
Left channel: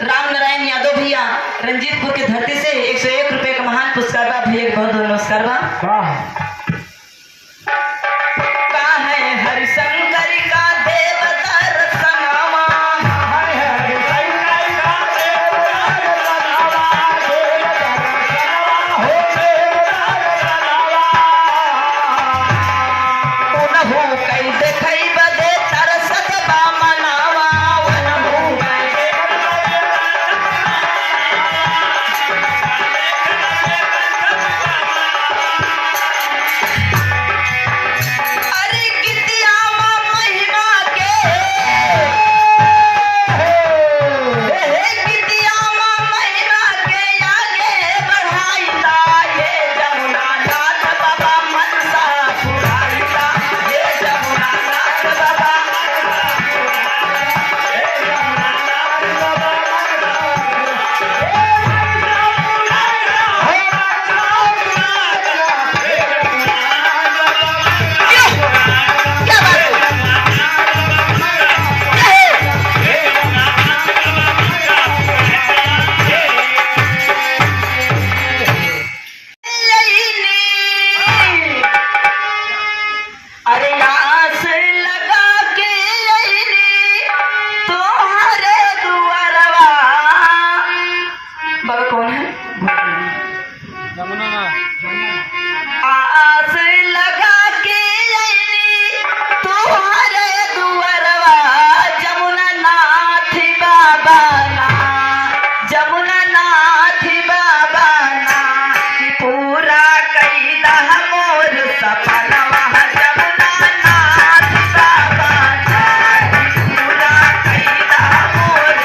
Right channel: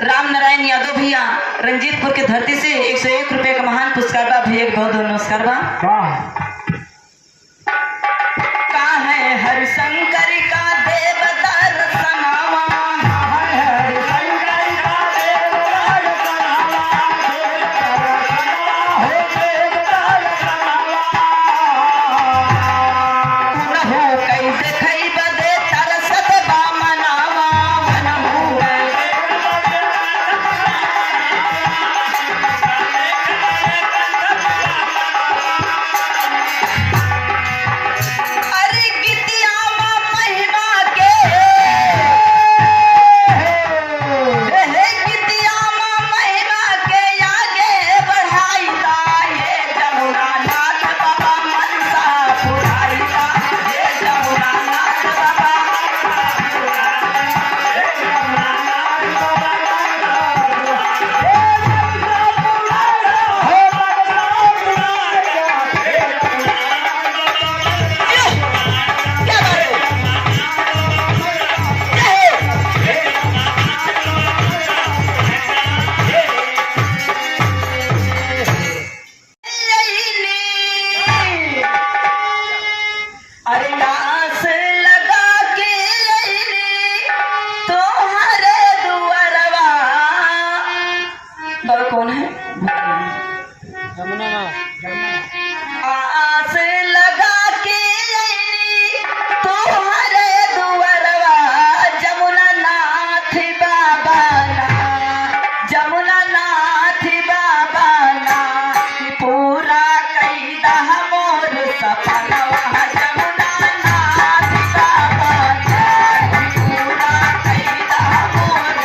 राम नारायण यादव भैया रंजीतपुर के धरती से 101 रुपए का महान पुरस्कार बा। भैया के बहुत बहुत नमस्कार बा। का है हरिशंकर का देवदार सनामा, उनहु कई देखई बदे तरसत बा मनावा, उनहु अरे गिद्दिया महिमा के हे गिद्दिया महिमा के आगे बढ़ाईला, ये जमुना नाथ बाबा मनसा पुराईला, ये जमुना नाथ बाबा क्या अरे आस लगा के अइली तोहरे दुअरवा। बाबा कौन है? जमुना ना आस लगा के अइली तोहरे दुअरवा, जमुना नाथ बाबा ना, जमुना नाथ बाबा ना, पूरा कैदा मोर सपनवा, जमुना नाथ बाबा ना, पूरा कैदा मोर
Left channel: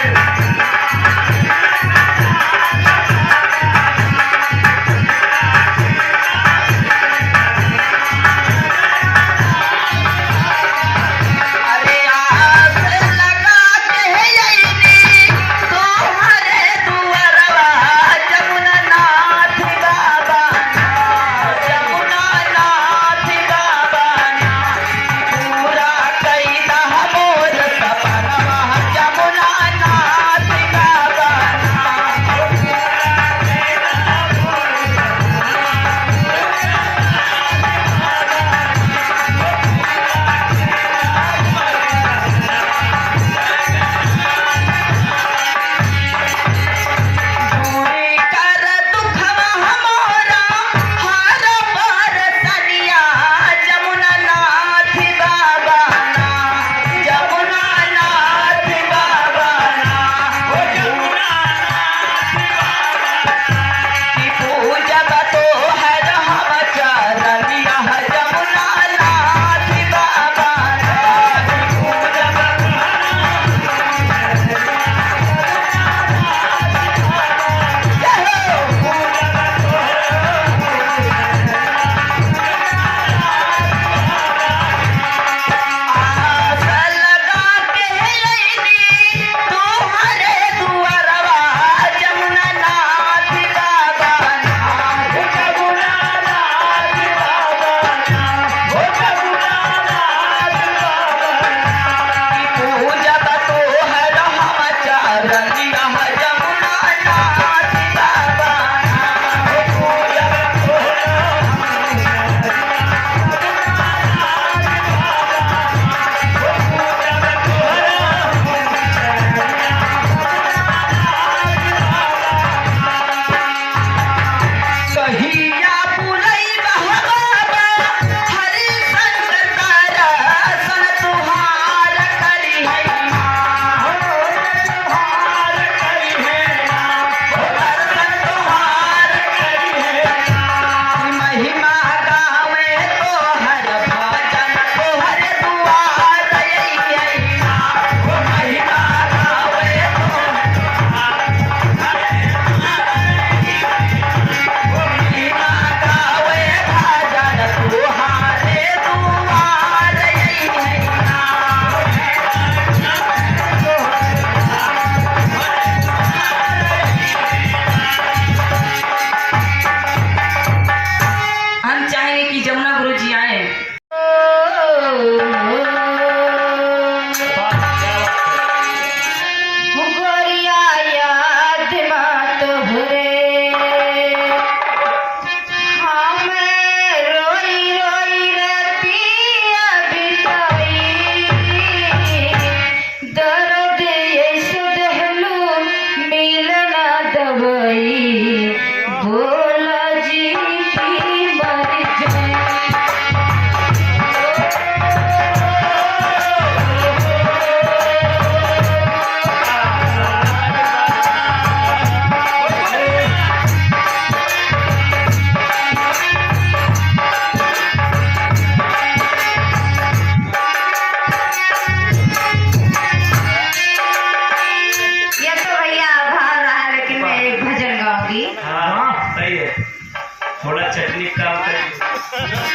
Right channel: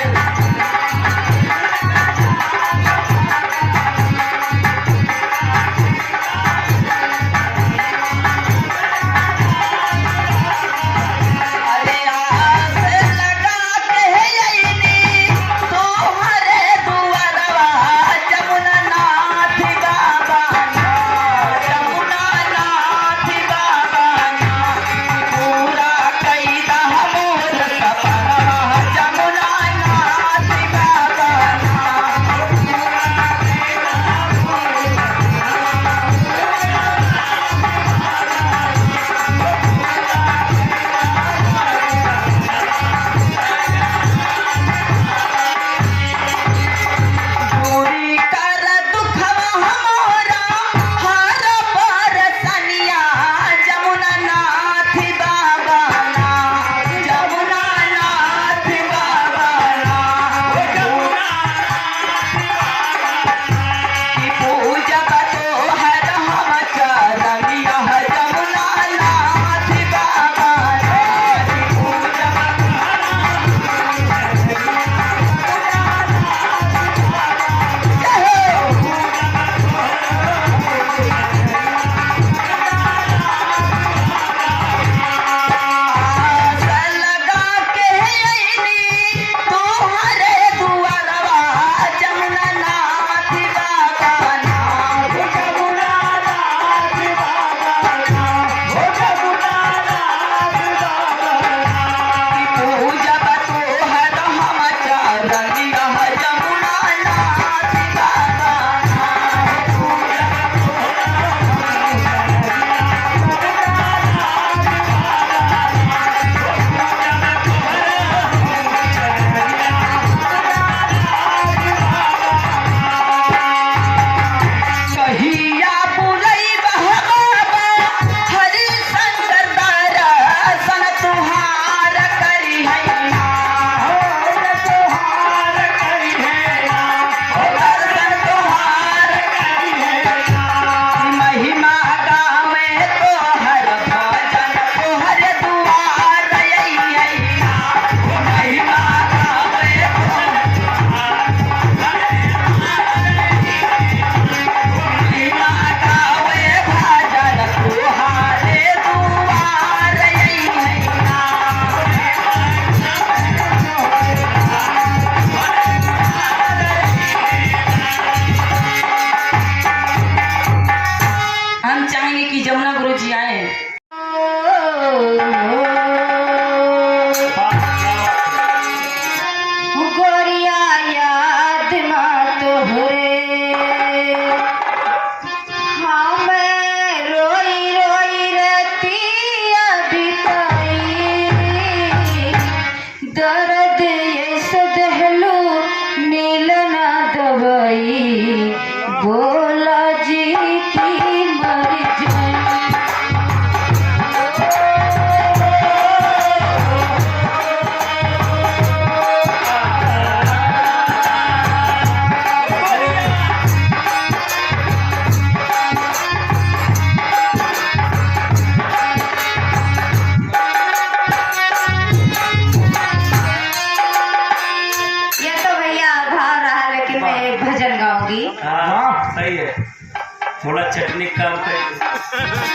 चटनी काम करे